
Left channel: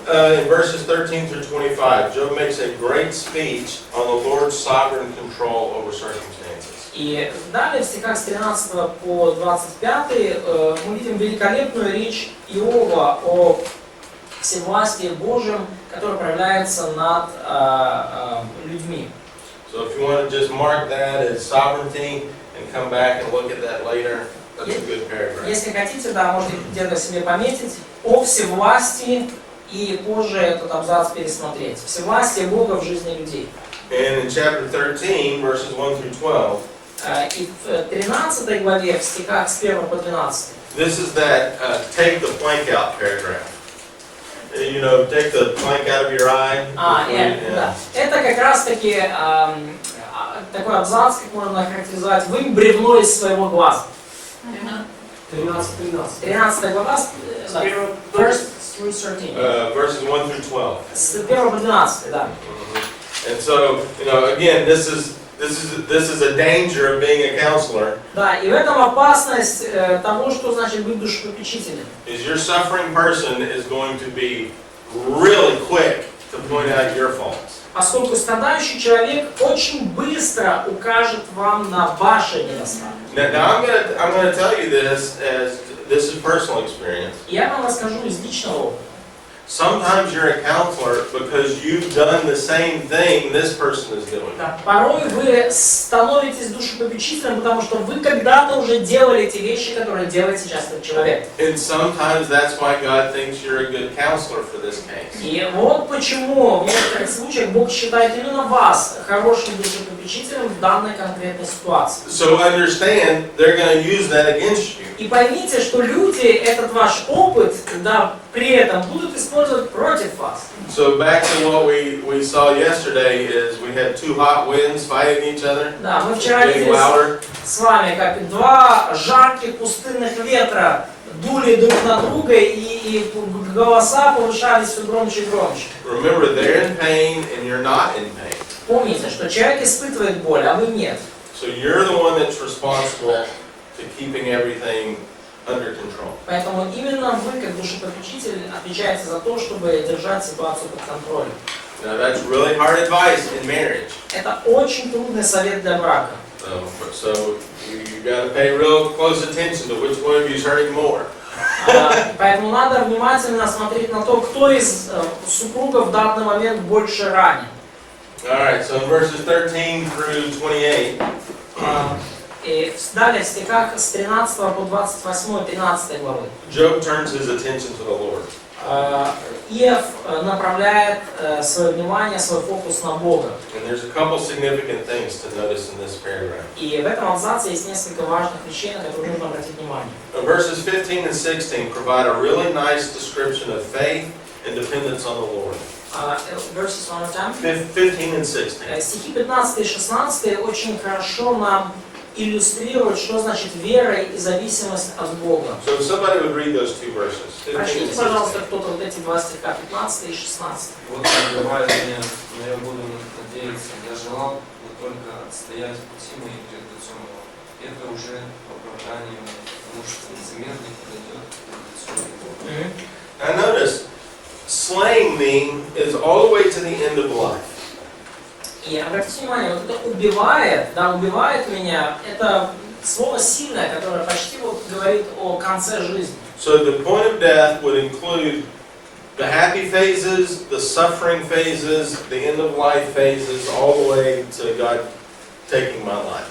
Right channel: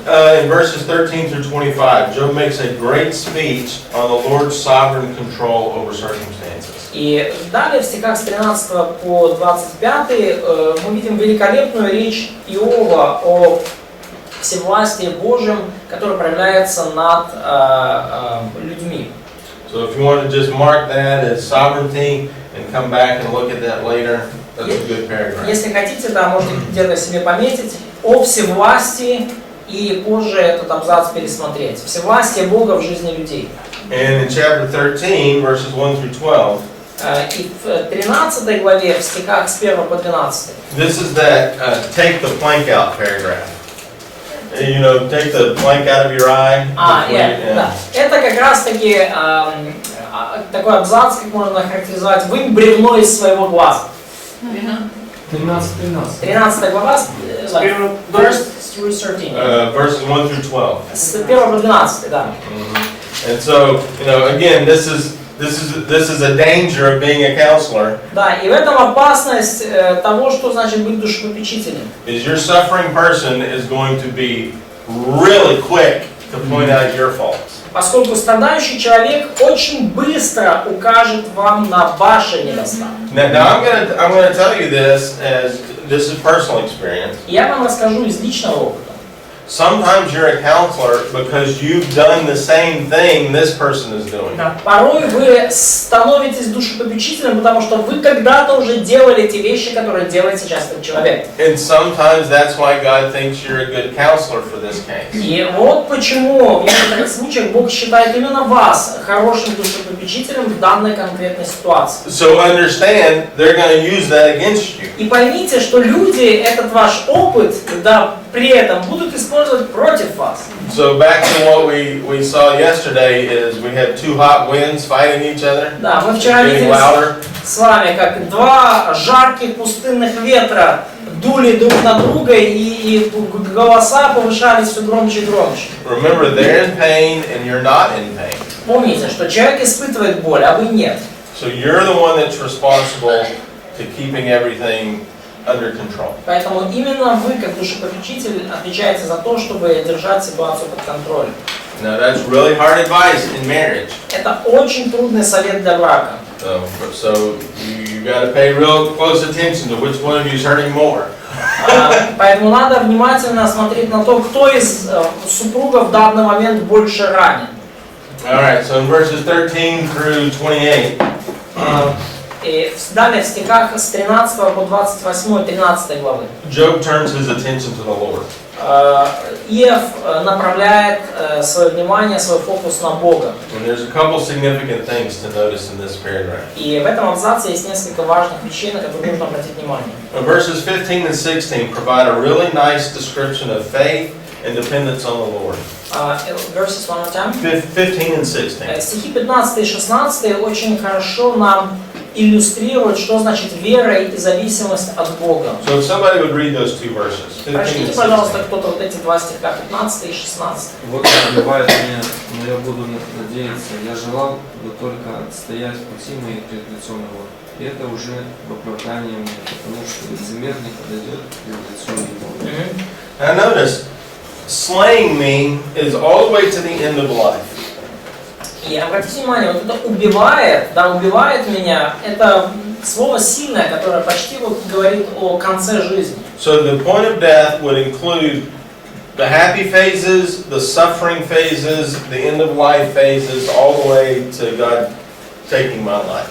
in verses 13 through 25, Job makes a great speech on the Lord's sovereign control over circumstances. И далее в стихах с 13 по 25 мы видим великолепную речь Иова о всевластии Божьем, которое проявляется над людьми. So if you want to just mark that as sovereignty and come back and look at that later, that's a good paragraph. Если хотите, да, можете где-то себе пометить о всевластии и позже этот абзац пересмотреть. Всевластие Бога в жизни людей. And in chapter 13, verses 1 through 12, И в 13 главе, в стихах с 1 по 12. this is that take the plank out paragraph. You know, take the plank out of your eye. Да. Yeah. Это как раз таки такой абзац, как можно охарактеризовать, вынь бревно из своего глаза. 13. 13 глава, verse through 13. Verses 1 through 12. С 1 по 12, да. And so, you know, again, this is a danger of being a counselor. Да, и в этом опасность того, что значит быть душепопечителем. Is your suffering person is going to be really quick to point out your faults. Поскольку страдающий человек очень быстро укажет вам на ваши недостатки. Now I'm gonna tell you this as this is personal experience. Я вам расскажу из личного опыта. Sometimes you're a counselor because you've done the same thing this person is doing. Да, порой вы становитесь душепопечителем, потому что вы когда-то уже делали те вещи, которые делает сейчас этот человек. And sometimes that's why God thinks you're a good counselor for this case. И вот почему в некоторых случаях Бог считает именно вас хорошим душепопечителем в данной конкретной ситуации. So understand, they're going to use that against you. И поймите, что люди этот ваш опыт, да, при этом будут использовать против вас. So back to what we saw yesterday is we had two hot winds fighting each other. Да, мы вчера Getting видели louder. с вами, как два жарких пустынных ветра дули друг на друга, и голоса повышались все громче и громче. Remember, they're in pain and you're not in pain. Помните, что человек испытывает боль, а вы нет. So you're the one that's responsible to keeping everything under control. Поэтому именно вы, как душепопечитель, отвечаете за то, чтобы держать ситуацию под контролем. Now that's really hard advice in marriage. Это очень трудный совет для брака. So you got to pay real close attention to which one of you is hurting more. Поэтому надо внимательно смотреть на то, кто из супругов в данный момент больше ранен. All right, so in verses 13 through 28. И далее в стихах с 13 по 28, 13 главы. Job turns his attention to the Lord. Иов направляет свое внимание, свой фокус на Бога. And there's a couple significant things to notice in this paragraph. И в этом абзаце есть несколько важных вещей, на которые нужно обратить внимание. Verses 15 and 16 provide a really nice description of faith and dependence on the Lord. Verses one more time. 15 and 16. Стихи 15 и 16 очень хорошо нам иллюстрируют, что значит вера и зависимость от Бога. So if somebody would read those two verses, 15 and Прочтите, 16. пожалуйста, кто-то вот эти два стиха, 15 и 16. Вот бывает меня, но я буду надеяться. Я желал бы только отстоять пути мои пред лицом его. И это уже оправдание мне, потому что лицемерник подойдет пред лицом его. Now notice, slaying me is all the way to the end of life. И обратите внимание, вот это убивает, да, убивает меня, это слово сильное, которое почти вот говорит о конце жизни. So the point of death would include the happy phases, the suffering phases, the end of life phases, all the way to God taking my life.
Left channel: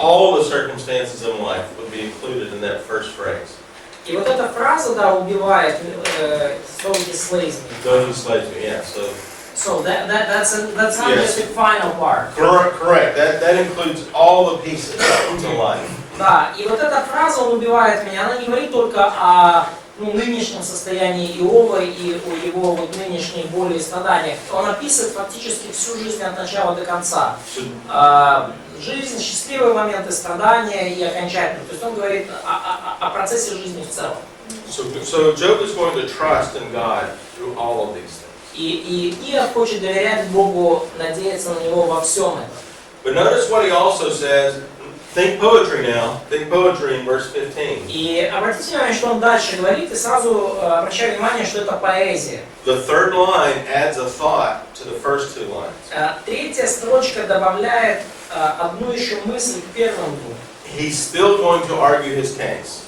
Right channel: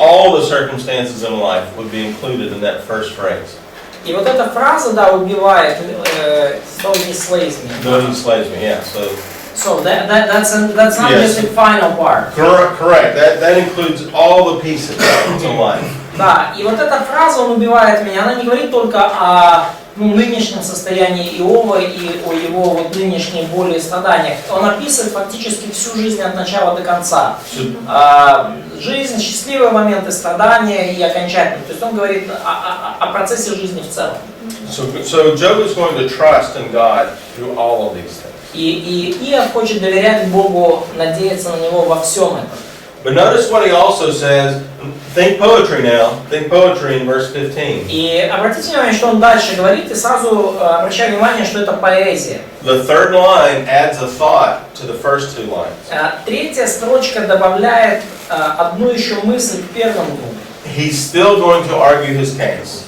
All the circumstances in life would be included in that first phrase. И вот эта фраза, да, убивает, though he slays me. Though he slays me, yeah. So that's not Yes. just the final part. Correct. That includes all the pieces in life. Да, и вот эта фраза «он убивает меня», она не говорит только о нынешнем состоянии Иова и о его вот нынешней боли и страданиях. Он описывает фактически всю жизнь от начала до конца. Жизнь, счастливые моменты, страдания и окончательные. То есть он говорит о процессе жизни в целом. So Job is going to trust in God through all of these things. И Иов хочет доверять Богу, надеяться на Него во всем этом. But notice what he also says think poetry now. Think poetry in verse 15. И обратите внимание, что он дальше говорит, и сразу обращаю внимание, что это поэзия. The third line adds a thought to the first two lines. Третья строчка добавляет одну еще мысль к первым двум. He's still going to argue his case.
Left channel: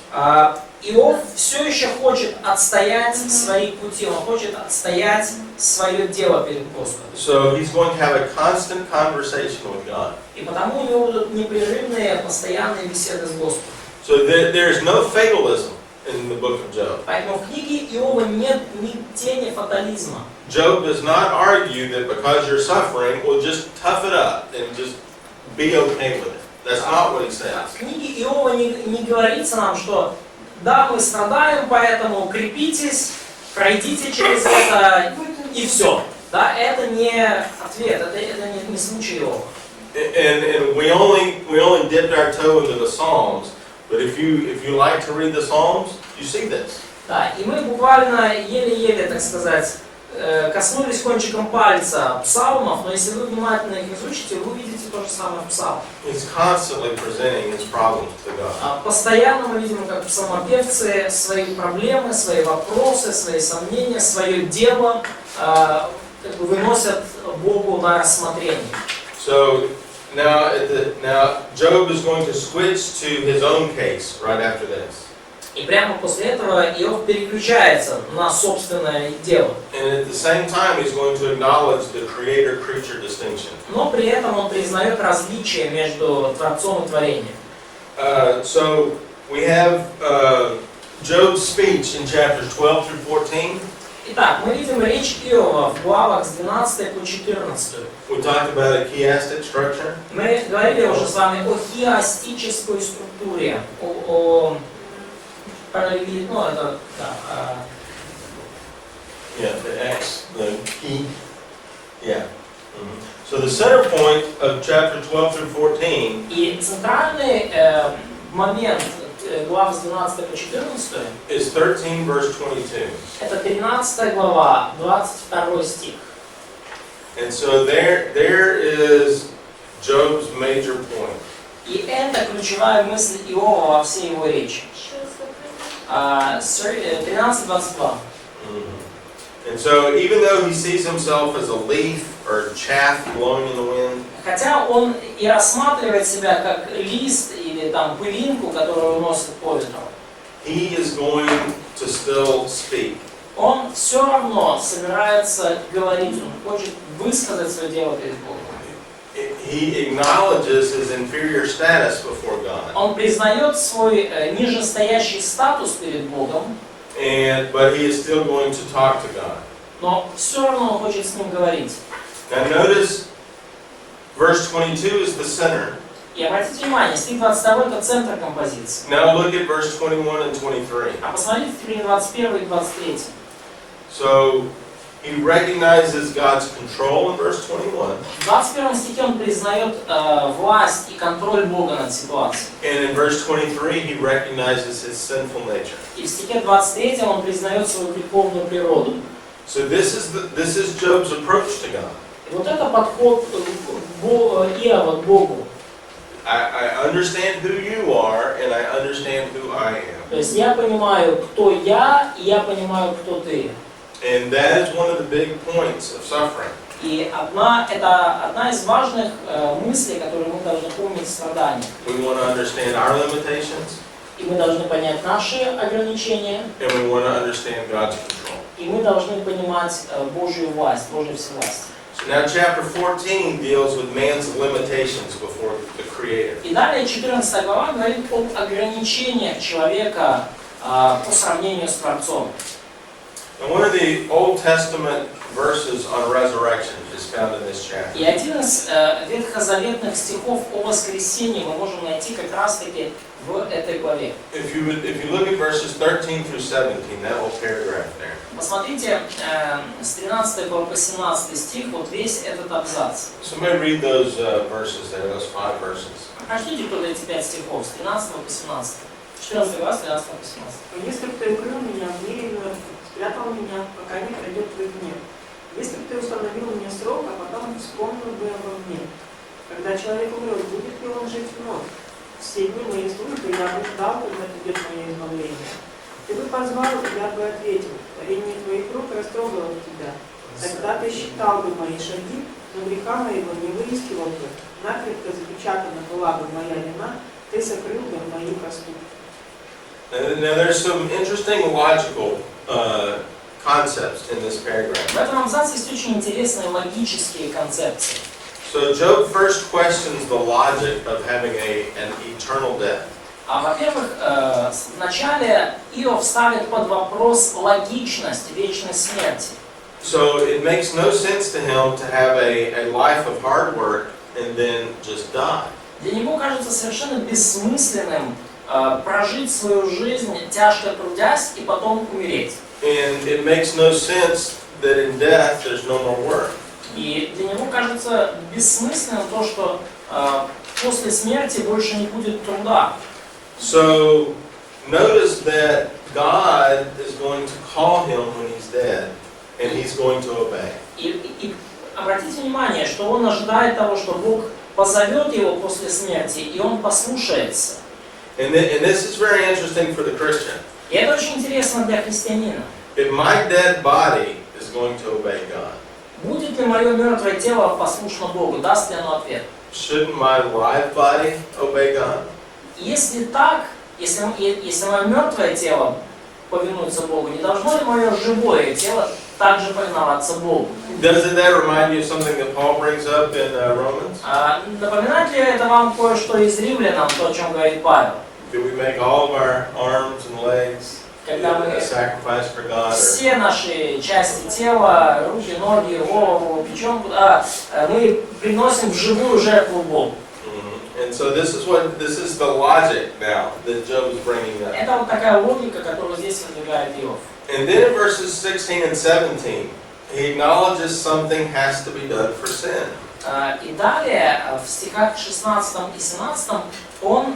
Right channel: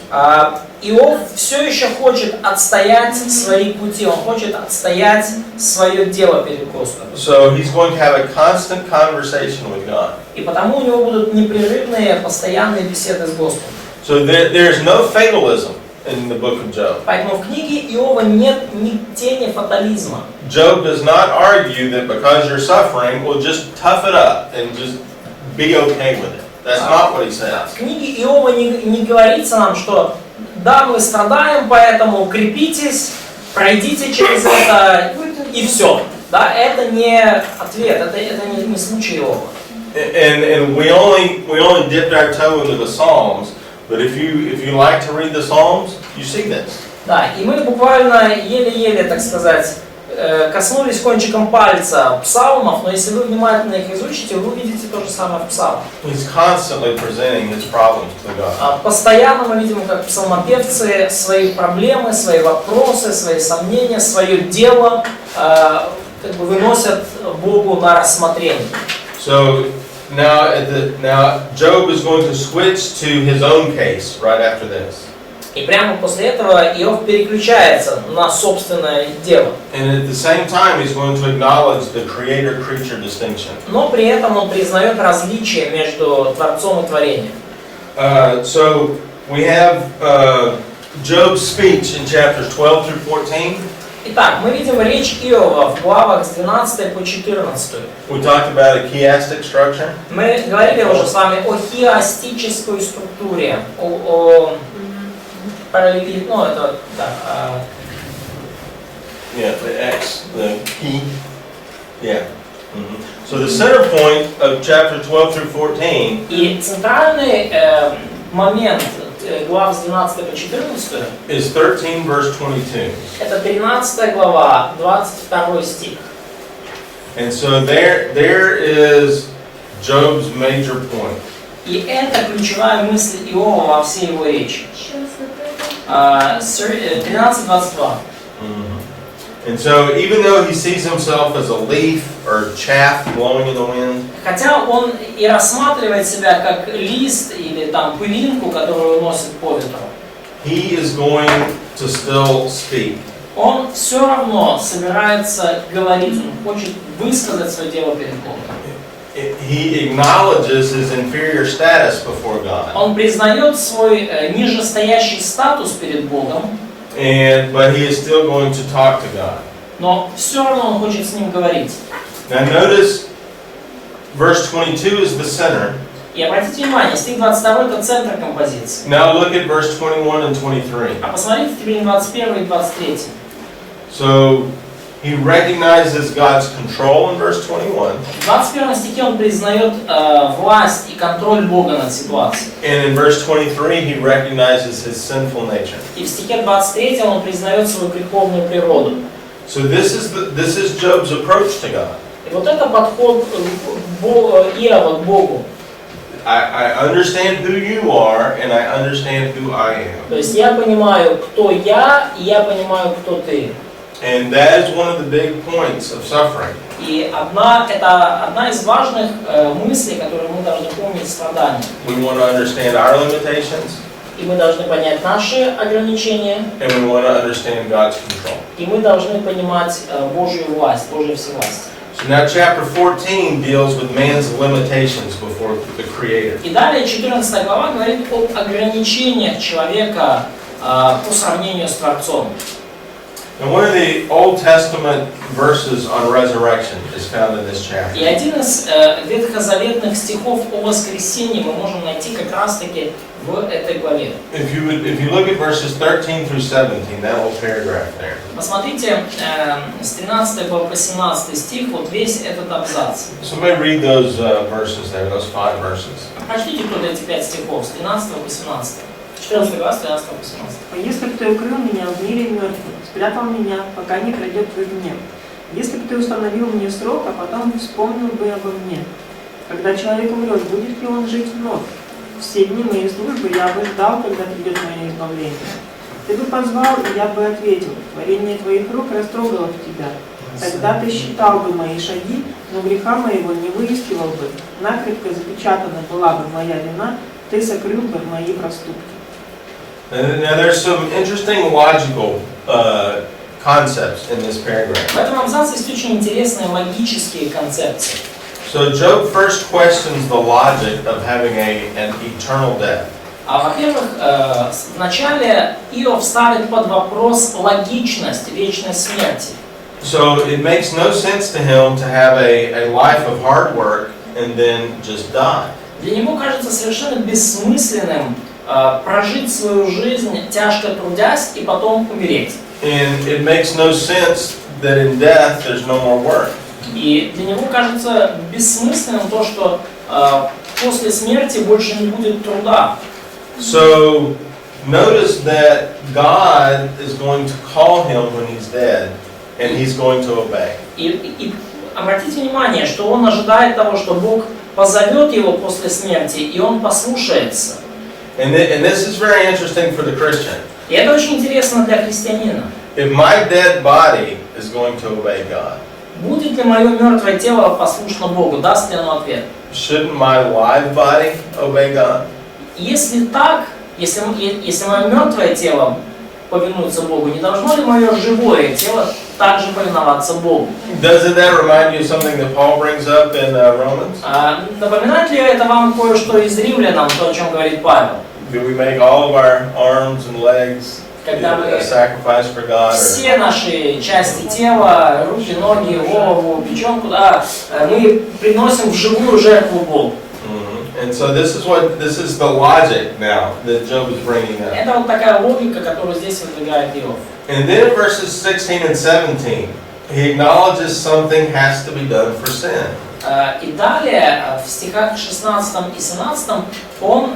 Иов все еще хочет отстоять свои пути, он хочет отстоять свое дело перед Господом. So he's going to have a constant conversation with God. И потому у него будут непрерывные, постоянные беседы с Господом. So there's no fatalism in the book of Job. Поэтому в книге Иова нет ни тени фатализма. Job does not argue that because you're suffering, well, just tough it up and just be okay with it. That's not what he says. В книге Иова не говорится нам, что да, мы страдаем, поэтому укрепитесь, пройдите через это и все. Да, это не ответ, это не случай Иова. And we only dipped our toe into the Psalms, but if you like to read the Psalms, you see this. Да, и мы буквально еле-еле, так сказать, коснулись кончиком пальца псалмов, но если вы внимательно их изучите, вы увидите то же самое в псалмах. He's constantly presenting his problems to God. Постоянно мы видим, как псалмопевцы свои проблемы, свои вопросы, свои сомнения, свое дело как бы выносят Богу на рассмотрение. So now Job is going to switch to his own case right after this. И прямо после этого Иов переключается на собственное дело. And at the same time, he's going to acknowledge the creator-creature distinction. Но при этом он признает различие между Творцом и творением. So we have Job's speech in chapters 12 through 14. Итак, мы видим речь Иова в главах с 12 по 14. We talked about a chiastic structure. Мы говорили уже с вами о хиастической структуре, о параллели, ну это да. Yeah, the X, the key. Yeah. So the center point of chapter 12 through 14. И центральный момент глав с 12 по 14 is 13 verse 22. это 13 глава, 22 стих. And so there is Job's major point. И это ключевая мысль Иова во всей его речи. 13:22. And so even though he sees himself as a leaf or chaff blowing in the wind, Хотя он и рассматривает себя как лист или там пылинку, которую уносит по ветру, he is going to still speak. он все равно собирается говорить, он хочет высказать свое дело перед Богом. He acknowledges his inferior status before God. Он признает свой нижестоящий статус перед Богом, But he is still going to talk to God. но все равно он хочет с ним говорить. Now notice verse 22 is the center. И обратите внимание, стих 22 это центр композиции. Now look at verse 21 and 23. А посмотрите теперь 21 и 23. So he recognizes God's control in verse 21. В 21 стихе он признает власть и контроль Бога над ситуацией. And in verse 23 he recognizes his sinful nature. И в стихе 23 он признает свою греховную природу. So this is Job's approach to God. И вот это подход Иова к Богу. I understand who you are and I understand who I am. То есть я понимаю, кто я, и я понимаю, кто ты. And that is one of the big points of suffering. И это одна из важных мыслей, которые мы должны помнить в страдании. We want to understand our limitations. И мы должны понять наши ограничения. And we want to understand God's control. И мы должны понимать Божью власть, Божью всевластие. So now chapter 14 deals with man's limitations before the Creator. И далее 14 глава говорит об ограничениях человека по сравнению с Творцом. And one of the Old Testament verses on resurrection is found in this chapter. И один из ветхозаветных стихов о воскресении мы можем найти как раз-таки в этой главе. If you look at verses 13 through 17, that whole paragraph there. Посмотрите с 13 по 17 стих, вот весь этот абзац. Somebody read those verses there, those 5 verses. Прочтите кто-то эти 5 стихов с 13 по 17. 14 глава, с 13 по 17. «Если бы ты укрыл меня в мире мертвых, спрятал меня, пока не пройдет твой гнев. Если бы ты установил мне срок, а потом вспомнил бы обо мне. Когда человек умрет, будет ли он жить вновь? все дни моей службы я бы ждал, когда придет мое избавление. Ты бы позвал, и я бы ответил. Творение твоих рук растрогало тебя. Тогда ты считал бы мои шаги, но греха моего не выискивал бы. Накрепко запечатана была бы моя вина, ты сокрыл бы мои проступки. Now there's some interesting logical concepts in this paragraph. В этом абзаце есть очень интересные логические концепции. So Job first questions the logic of having an eternal death. Во-первых, вначале Иов ставит под вопрос логичность вечной смерти. So it makes no sense to him to have a life of hard work and then just die. Для него кажется совершенно бессмысленным прожить свою жизнь, тяжко трудясь, и потом умереть. And it makes no sense that in death there's no more work. И для него кажется бессмысленным то, что после смерти больше не будет труда. So notice that God is going to call him when he's dead, and he's going to obey. И обратите внимание, что он ожидает того, что Бог позовет его после смерти, и он послушается. And this is very interesting for the Christian. И это очень интересно для христианина. If my dead body is going to obey God, Будет ли мое мертвое тело послушно Богу? Даст ли оно ответ? shouldn't my live body obey God? Если так, если мое мертвое тело повинуется Богу, не должно ли мое живое тело также повиноваться Богу? Doesn't that remind you of something that Paul brings up in Romans? Напоминает ли это вам кое-что из Римлянам, то, о чем говорит Павел? Do we make all of our arms and legs a sacrifice for God? Все наши части тела, руки, ноги, голову, печенку, да, мы приносим в живую жертву Богу. And so this is the logic now that Job is bringing up. Это вот такая логика, которую здесь выдвигает Иов. And then in verses 16 and 17, he acknowledges something has to be done for sin. И далее в стихах 16 и 17 он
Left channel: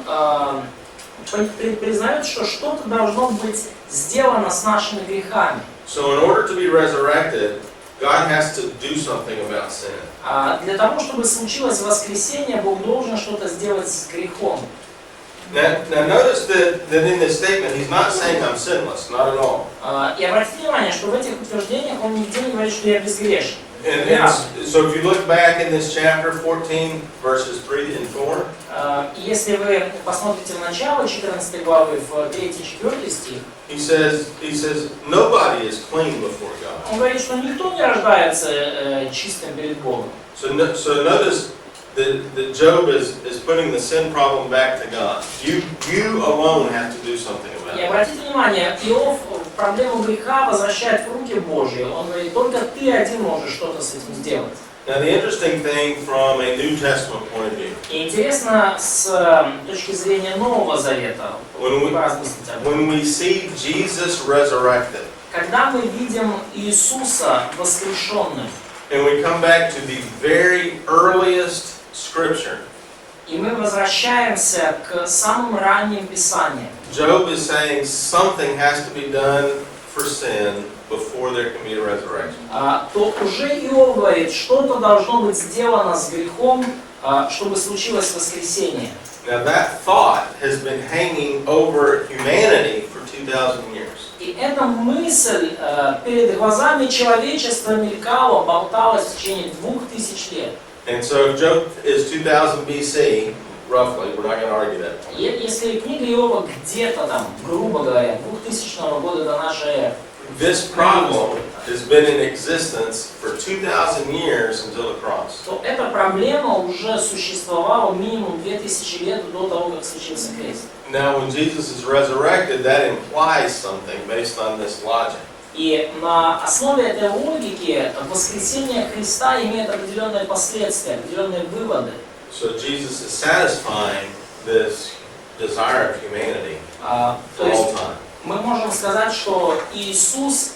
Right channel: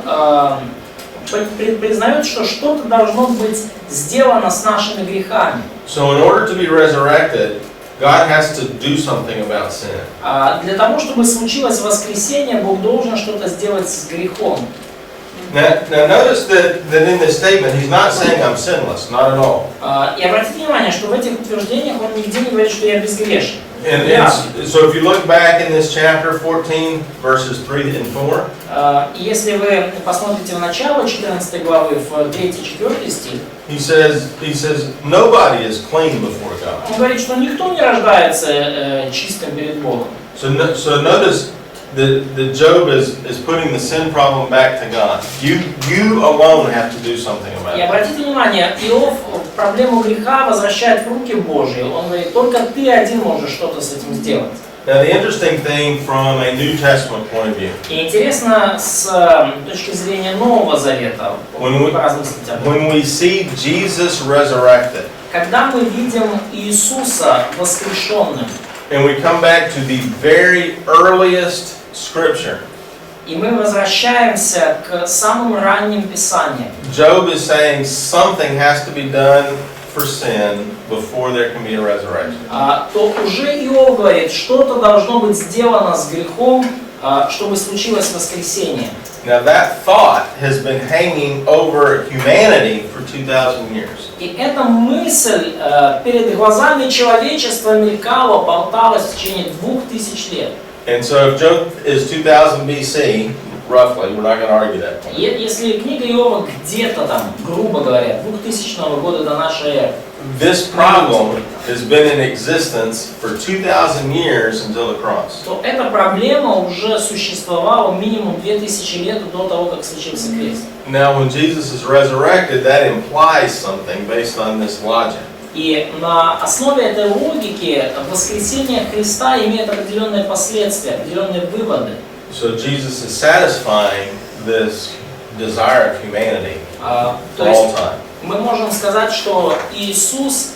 признает, что что-то должно быть сделано с нашими грехами. So in order to be resurrected, God has to do something about sin. Для того, чтобы случилось воскресение, Бог должен что-то сделать с грехом. Now notice that in this statement, he's not saying I'm sinless, not at all. И обратите внимание, что в этих утверждениях он нигде не говорит, что я безгрешен. And so if you look back in this chapter 14, verses 3 and 4, И если вы посмотрите в начало 14 главы, в 3-4 стих, he says nobody is clean before God. он говорит, что никто не рождается чистым перед Богом. So notice that Job is putting the sin problem back to God. You alone have to do something about И it. обратите внимание, Иов проблему греха возвращает в руки Божьи. Он говорит, только ты один можешь что-то с этим сделать. Now the interesting thing from a New Testament point of view, И интересно с точки зрения Нового Завета, по разным статьям, when we see Jesus resurrected, когда мы видим Иисуса воскрешенным, and we come back to the very earliest Scripture, и мы возвращаемся к самым ранним Писаниям, Job is saying something has to be done for sin before there can be a resurrection. то уже Иов говорит, что-то должно быть сделано с грехом, чтобы случилось воскресение. Now that thought has been hanging over humanity for 2,000 years. И эта мысль перед глазами человечества мелькала, болталась в течение 2000 лет. And so if Job is 2000 BC, roughly, we're not going to argue that point. Если книга Иова где-то там, грубо говоря, 2000 года до нашей эры, This problem has been in existence for 2,000 years until the cross. то эта проблема уже существовала минимум 2000 лет до того, как случился крест. Now when Jesus is resurrected, that implies something based on this logic. И на основе этой логики воскресение Христа имеет определенные последствия, определенные выводы. So Jesus is satisfying this desire of humanity То for есть all time. мы можем сказать, что Иисус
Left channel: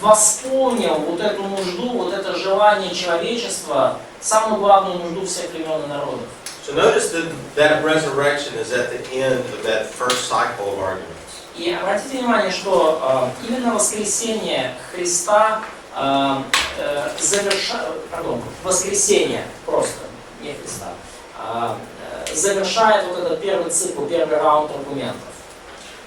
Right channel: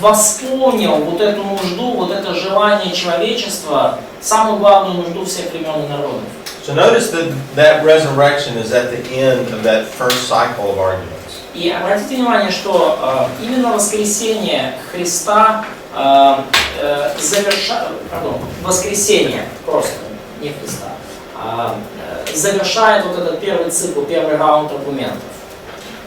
восполнил вот эту нужду, вот это желание человечества, самую главную нужду всех времен и народов. So notice that resurrection is at the end of that first cycle of arguments. И обратите внимание, что именно воскресение Христа воскресение просто, не Христа, завершает вот этот первый цикл, первый раунд аргументов.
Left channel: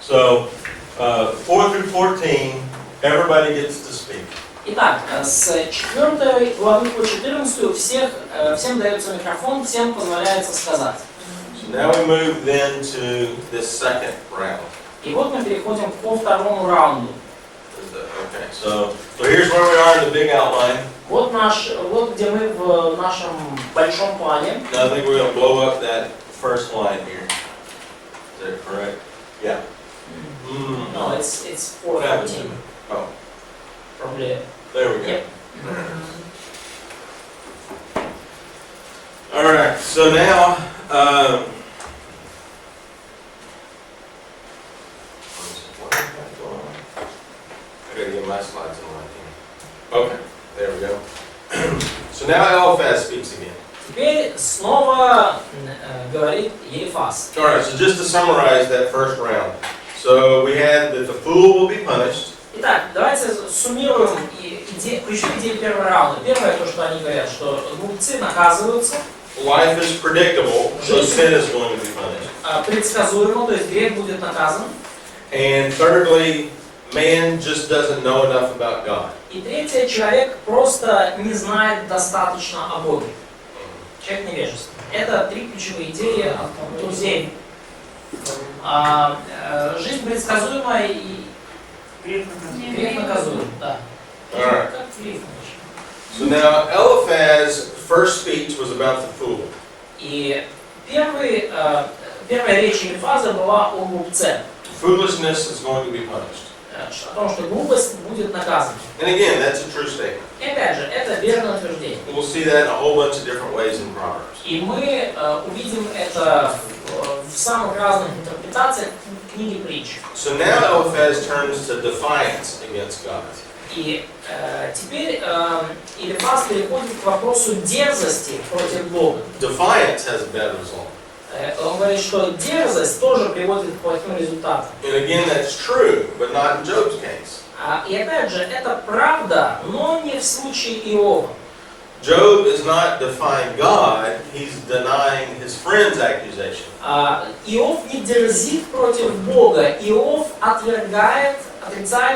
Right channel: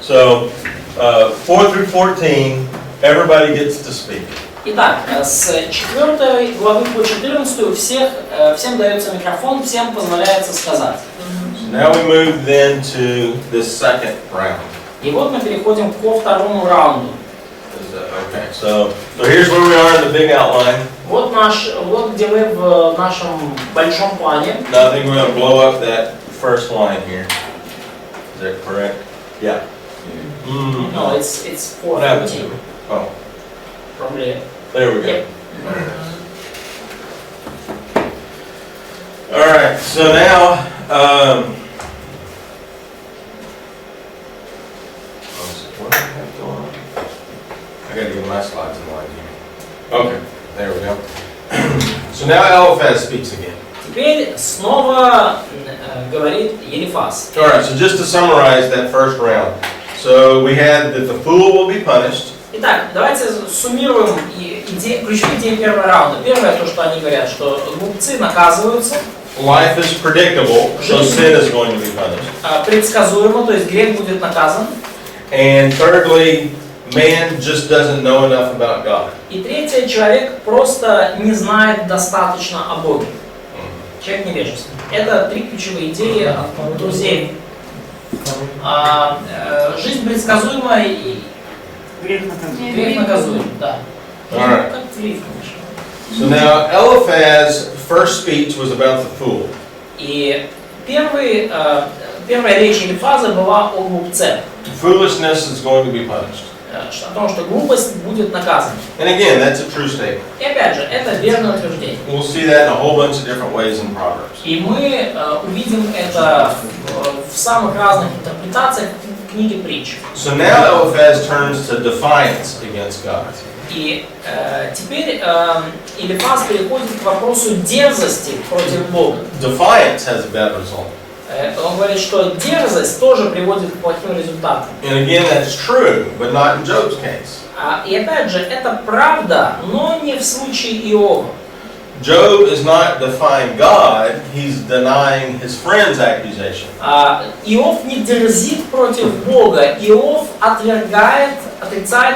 So, 4 through 14, everybody gets to speak. Итак, с 4 главы по 14 всем дается микрофон, всем позволяется сказать. So now we move then to the second round. И вот мы переходим ко второму раунду. Okay, so here's where we are in the big outline. Вот где мы в нашем большом плане. Now I think we're going to blow up that first line here. Is that correct? Yeah. No, it's What happened to 4:14. me? Oh, Probably. there we go. Yep. All right, so now, what do I have going on? I gotta get my slides in line here. Okay, there we go. So now Eliphaz speaks again. Теперь снова говорит Елифаз. All right, so just to summarize that first round. So we had that the fool will be punished. Итак, давайте суммируем ключевые идеи первого раунда. Первое, то, что они говорят, что глупцы наказываются. Life is predictable, so sin is going to be punished. Предсказуемо, то есть грех будет наказан. And thirdly, man just doesn't know enough about God. И третье, человек просто не знает достаточно о Боге. Человек невежественный. Это три ключевые идеи от друзей. Жизнь предсказуемая и грех наказуем. Да. Alright. Как в лифте. So now Eliphaz's first speech was about the fool. И первая речь Елифаза была о глупце. Foolishness is going to be punished. О том, что глупость будет наказана. And again, that's a true statement. И опять же, это верное утверждение. We'll see that in a whole bunch of different ways in Proverbs. И мы увидим это в самых разных интерпретациях книги притч. So now Eliphaz turns to defiance against God. И теперь Елифаз переходит к вопросу дерзости против Бога. Defiance has a bad result. Он говорит, что дерзость тоже приводит к плохим результатам. And again, that's true, but not in Job's case. И опять же, это правда, но не в случае Иова. Job is not defying God, he's denying his friend's accusation. Иов не дерзит против Бога, Иов отрицает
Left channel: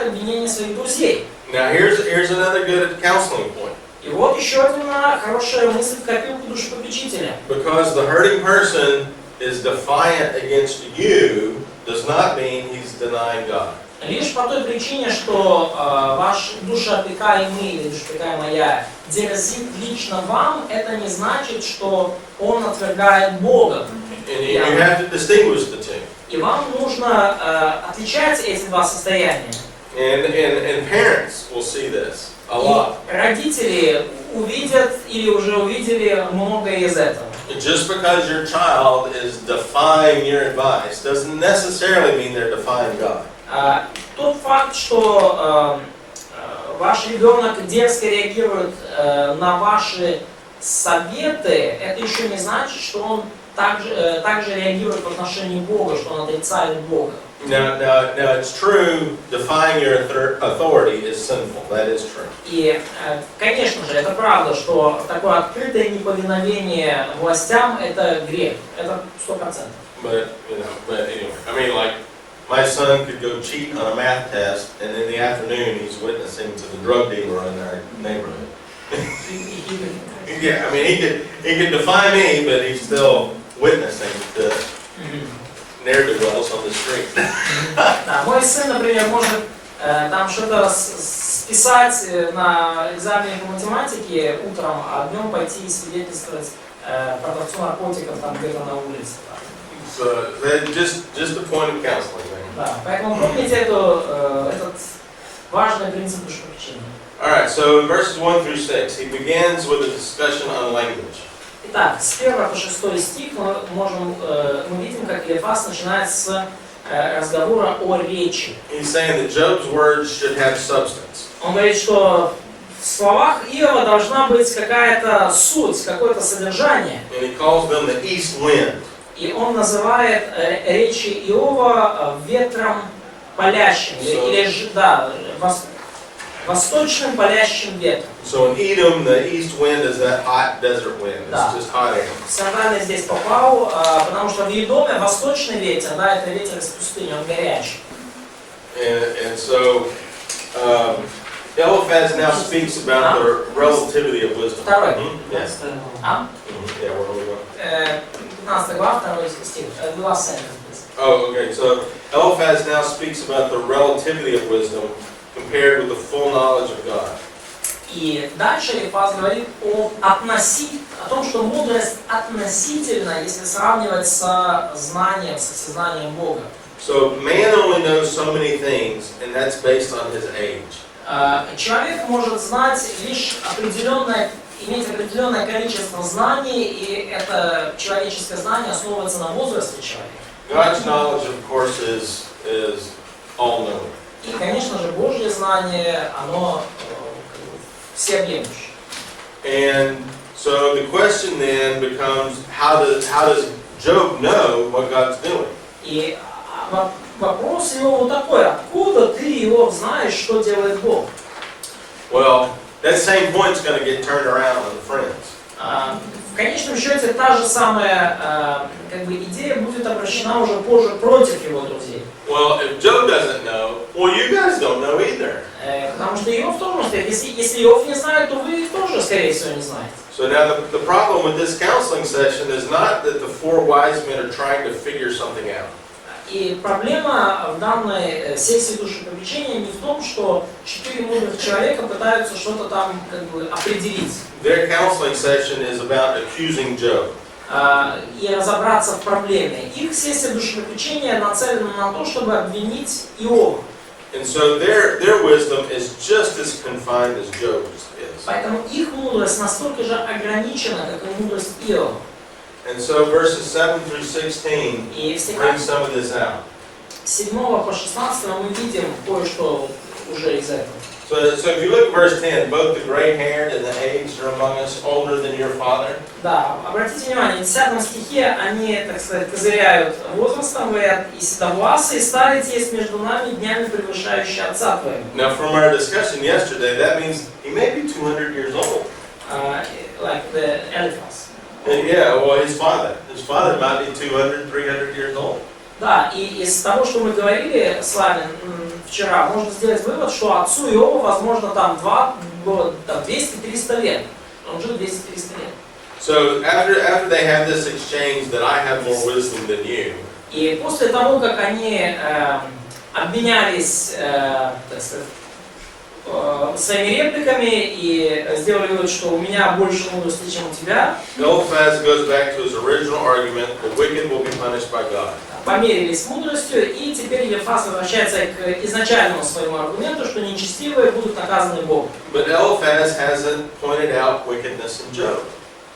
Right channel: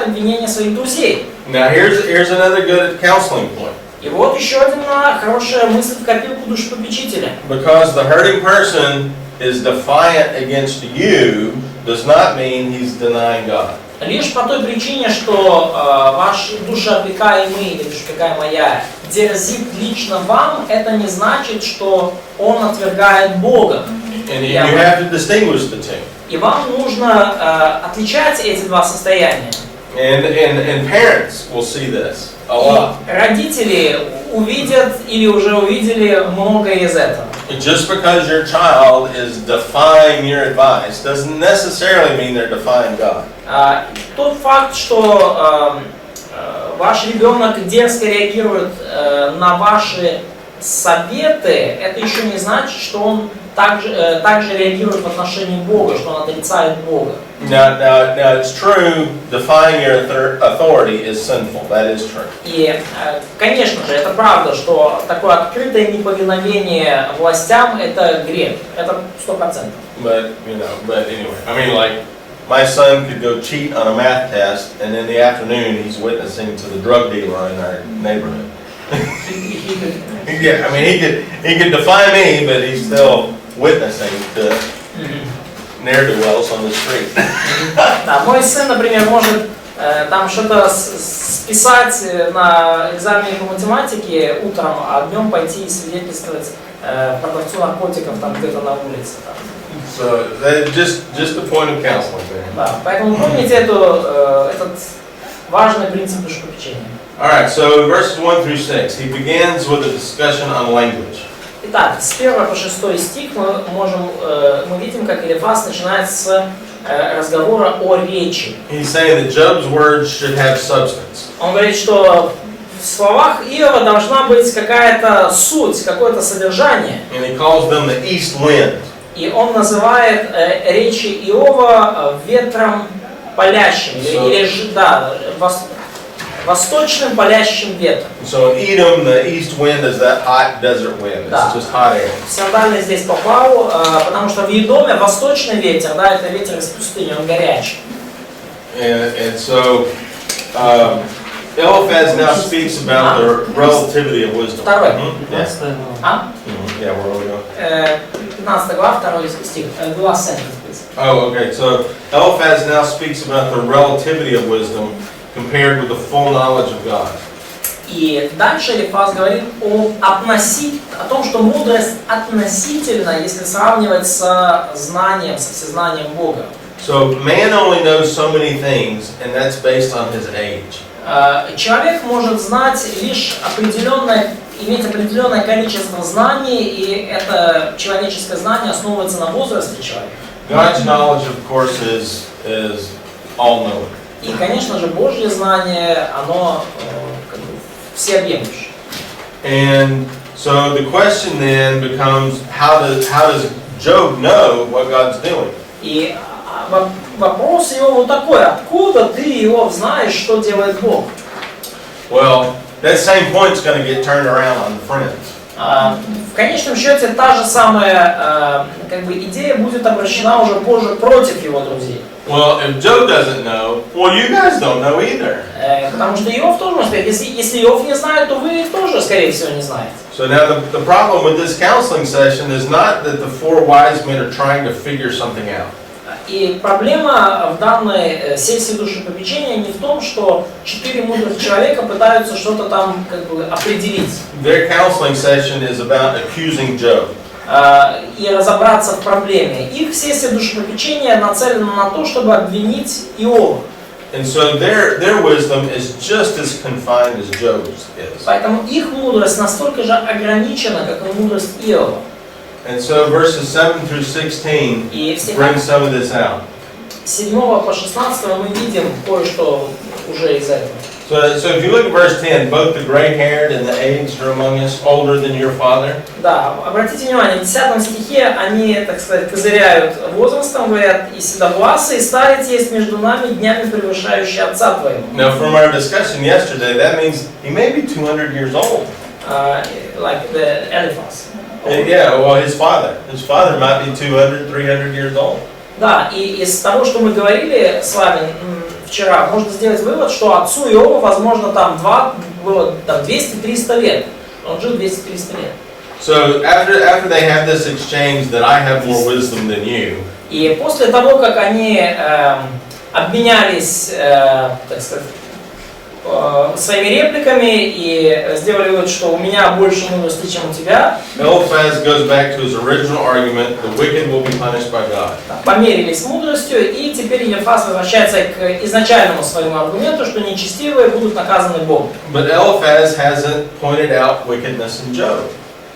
обвинения своих друзей. Now here's another good counseling point. И вот еще одна хорошая мысль в копилку душепопечителя. Because the hurting person is defiant against you does not mean he's denying God. Лишь по той причине, что ваш душеопекаемый или душеопекаемая дерзит лично вам, это не значит, что он отвергает Бога. And you have to distinguish the two. И вам нужно отличать эти два состояния. And parents will see this a lot. Родители увидят или уже увидели многое из этого. Just because your child is defying your advice doesn't necessarily mean they're defying God. Тот факт, что ваш ребенок дерзко реагирует на ваши советы, это еще не значит, что он также реагирует в отношении Бога, что он отрицает Бога. Now it's true, defying your authority is sinful. That is true. И, конечно же, это правда, что такое открытое неповиновение властям – это грех. Это 100%. But anyway, I mean, like, my son could go cheat on a math test, and in the afternoon he's witnessing to the drug dealer in our neighborhood. Yeah, I mean, he could defy me, but he's still witnessing to ne'er-do-wells on the street. Да, мой сын, например, может там что-то списать на экзамене по математике утром, а днем пойти и свидетельствовать продавцу наркотиков там где-то на улице. So that's just the point of counseling there. Да, поэтому помните этот важный принцип душепопечения. All right, so in verses 1 through 6, he begins with a discussion on language. Итак, с 1 по 6 стих мы видим, как Елифаз начинает с разговора о речи. He's saying that Job's words should have substance. Он говорит, что в словах Иова должна быть какая-то суть, какое-то содержание. And he calls them the east wind. И он называет речи Иова ветром палящим. восточным палящим ветром. So in Edom, the east wind is that hot desert wind. Да. It's just hot air. Сандалия здесь попал, потому что в Едоме восточный ветер, да, это ветер из пустыни, он горячий. And so Eliphaz now speaks about the relativity of wisdom. Второй. Yes. А? Yeah, where will we go? 15 глава, 2 стих. The last sentence, please. Oh, okay. So Eliphaz now speaks about the relativity of wisdom compared with the full knowledge of God. И дальше Элифаз говорит о том, что мудрость относительно, если сравнивать с знанием, со всезнанием Бога. So man only knows so many things, and that's based on his age. Человек может знать лишь иметь определенное количество знаний, и это человеческое знание основывается на возрасте человека. God's knowledge, of course, is all-knowing. И, конечно же, Божье знание, оно всеобъемлющее. And so the question then becomes, how does Job know what God's doing? И вопрос его вот такой: откуда ты, Иов, знаешь, что делает Бог? Well, that same point's going to get turned around on the friends. В конечном счете та же самая идея будет обращена уже позже против его друзей. Well, if Job doesn't know, well, you guys don't know either. Потому что Иов тоже может сказать, если Иов не знает, то вы тоже, скорее всего, не знаете. So now the problem with this counseling session is not that the four wise men are trying to figure something out. И проблема в данной сессии душепопечения не в том, что 4 мудрых человека пытаются что-то там определить. Their counseling session is about accusing Job. И разобраться в проблеме. Их сессия душепопечения нацелена на то, чтобы обвинить Иова. And so their wisdom is just as confined as Job's is. Поэтому их мудрость настолько же ограничена, как и мудрость Иова. And so verses 7 through 16 И в bring стихах some of this out. 7 по 16 мы видим кое-что уже из этого. So if you look at verse 10, both the gray-haired and the aged are among us, older than your father. Да, обратите внимание, в 10 стихе они, так сказать, козыряют возрастом, говорят, и седовласый, и старец есть между нами, днями превышающий отца твоего. Now from our discussion yesterday, that means he may be 200 years old. Like the Eliphaz. Yeah, well, his father might be 200, 300 years old. Да, и из того, что мы говорили с вами вчера, можно сделать вывод, что отцу Иова, возможно, там было 200-300 лет. Он жил 200-300 лет. So after they have this exchange that I have more wisdom than you. И после того, как они обменялись, так сказать, своими репликами и сделали вывод, что у меня больше мудрости, чем у тебя. Eliphaz goes back to his original argument: the wicked will be punished by God. Померились мудростью, и теперь Элифаз возвращается к изначальному своему аргументу, что нечестивые будут наказаны Богом. But Eliphaz hasn't pointed out wickedness in Job.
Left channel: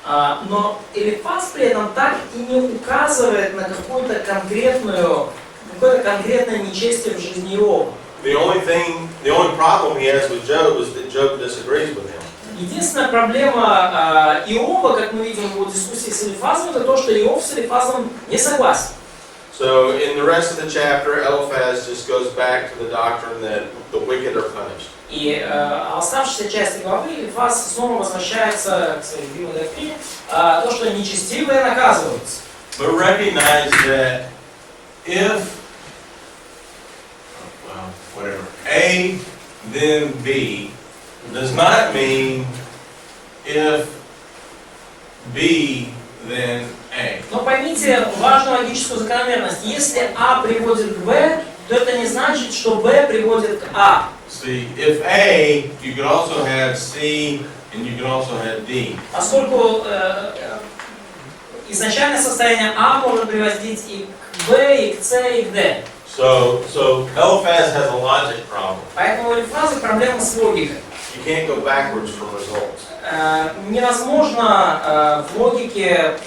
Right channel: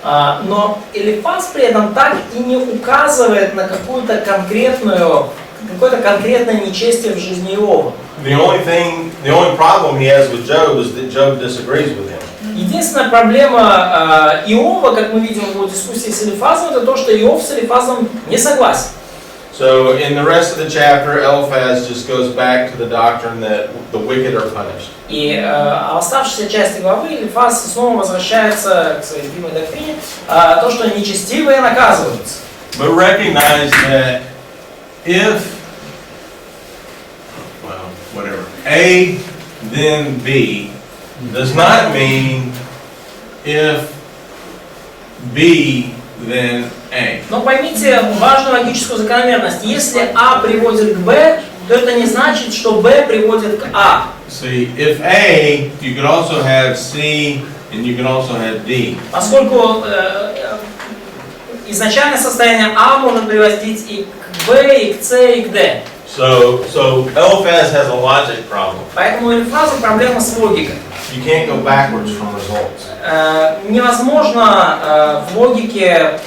Но Элифаз при этом так и не указывает на какое-то конкретное нечестие в жизни Иова. The only problem he has with Job is that Job disagrees with him. Единственная проблема Иова, как мы видим в его дискуссии с Элифазом, это то, что Иов с Элифазом не согласен. So in the rest of the chapter, Eliphaz just goes back to the doctrine that the wicked are punished. И в оставшейся части главы Элифаз снова возвращается к своей любимой доктрине, то, что нечестивые наказываются. But recognize that if whatever, A, then B, does not mean if B, then A. Но поймите важную логическую закономерность. Если А приводит к Б, то это не значит, что Б приводит к А. See, if A, you could also have C, and you could also have D. Поскольку изначальное состояние А может приводить и к Б, и к С, и к Д. So Eliphaz has a logic problem. Поэтому у Элифаза проблема с логикой. You can't go backwards from results. Невозможно в логике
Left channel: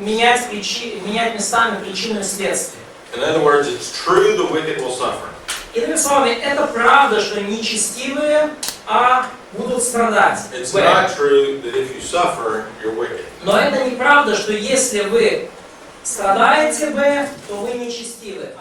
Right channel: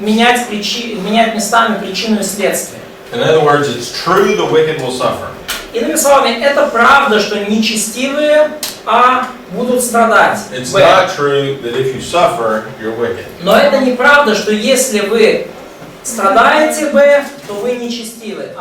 менять местами причину и следствие. In other words, it's true the wicked will suffer. Иными словами, это правда, что нечестивые будут страдать. It's not true that if you suffer, you're wicked. Но это неправда, что если вы страдаете Б, то вы нечестивы.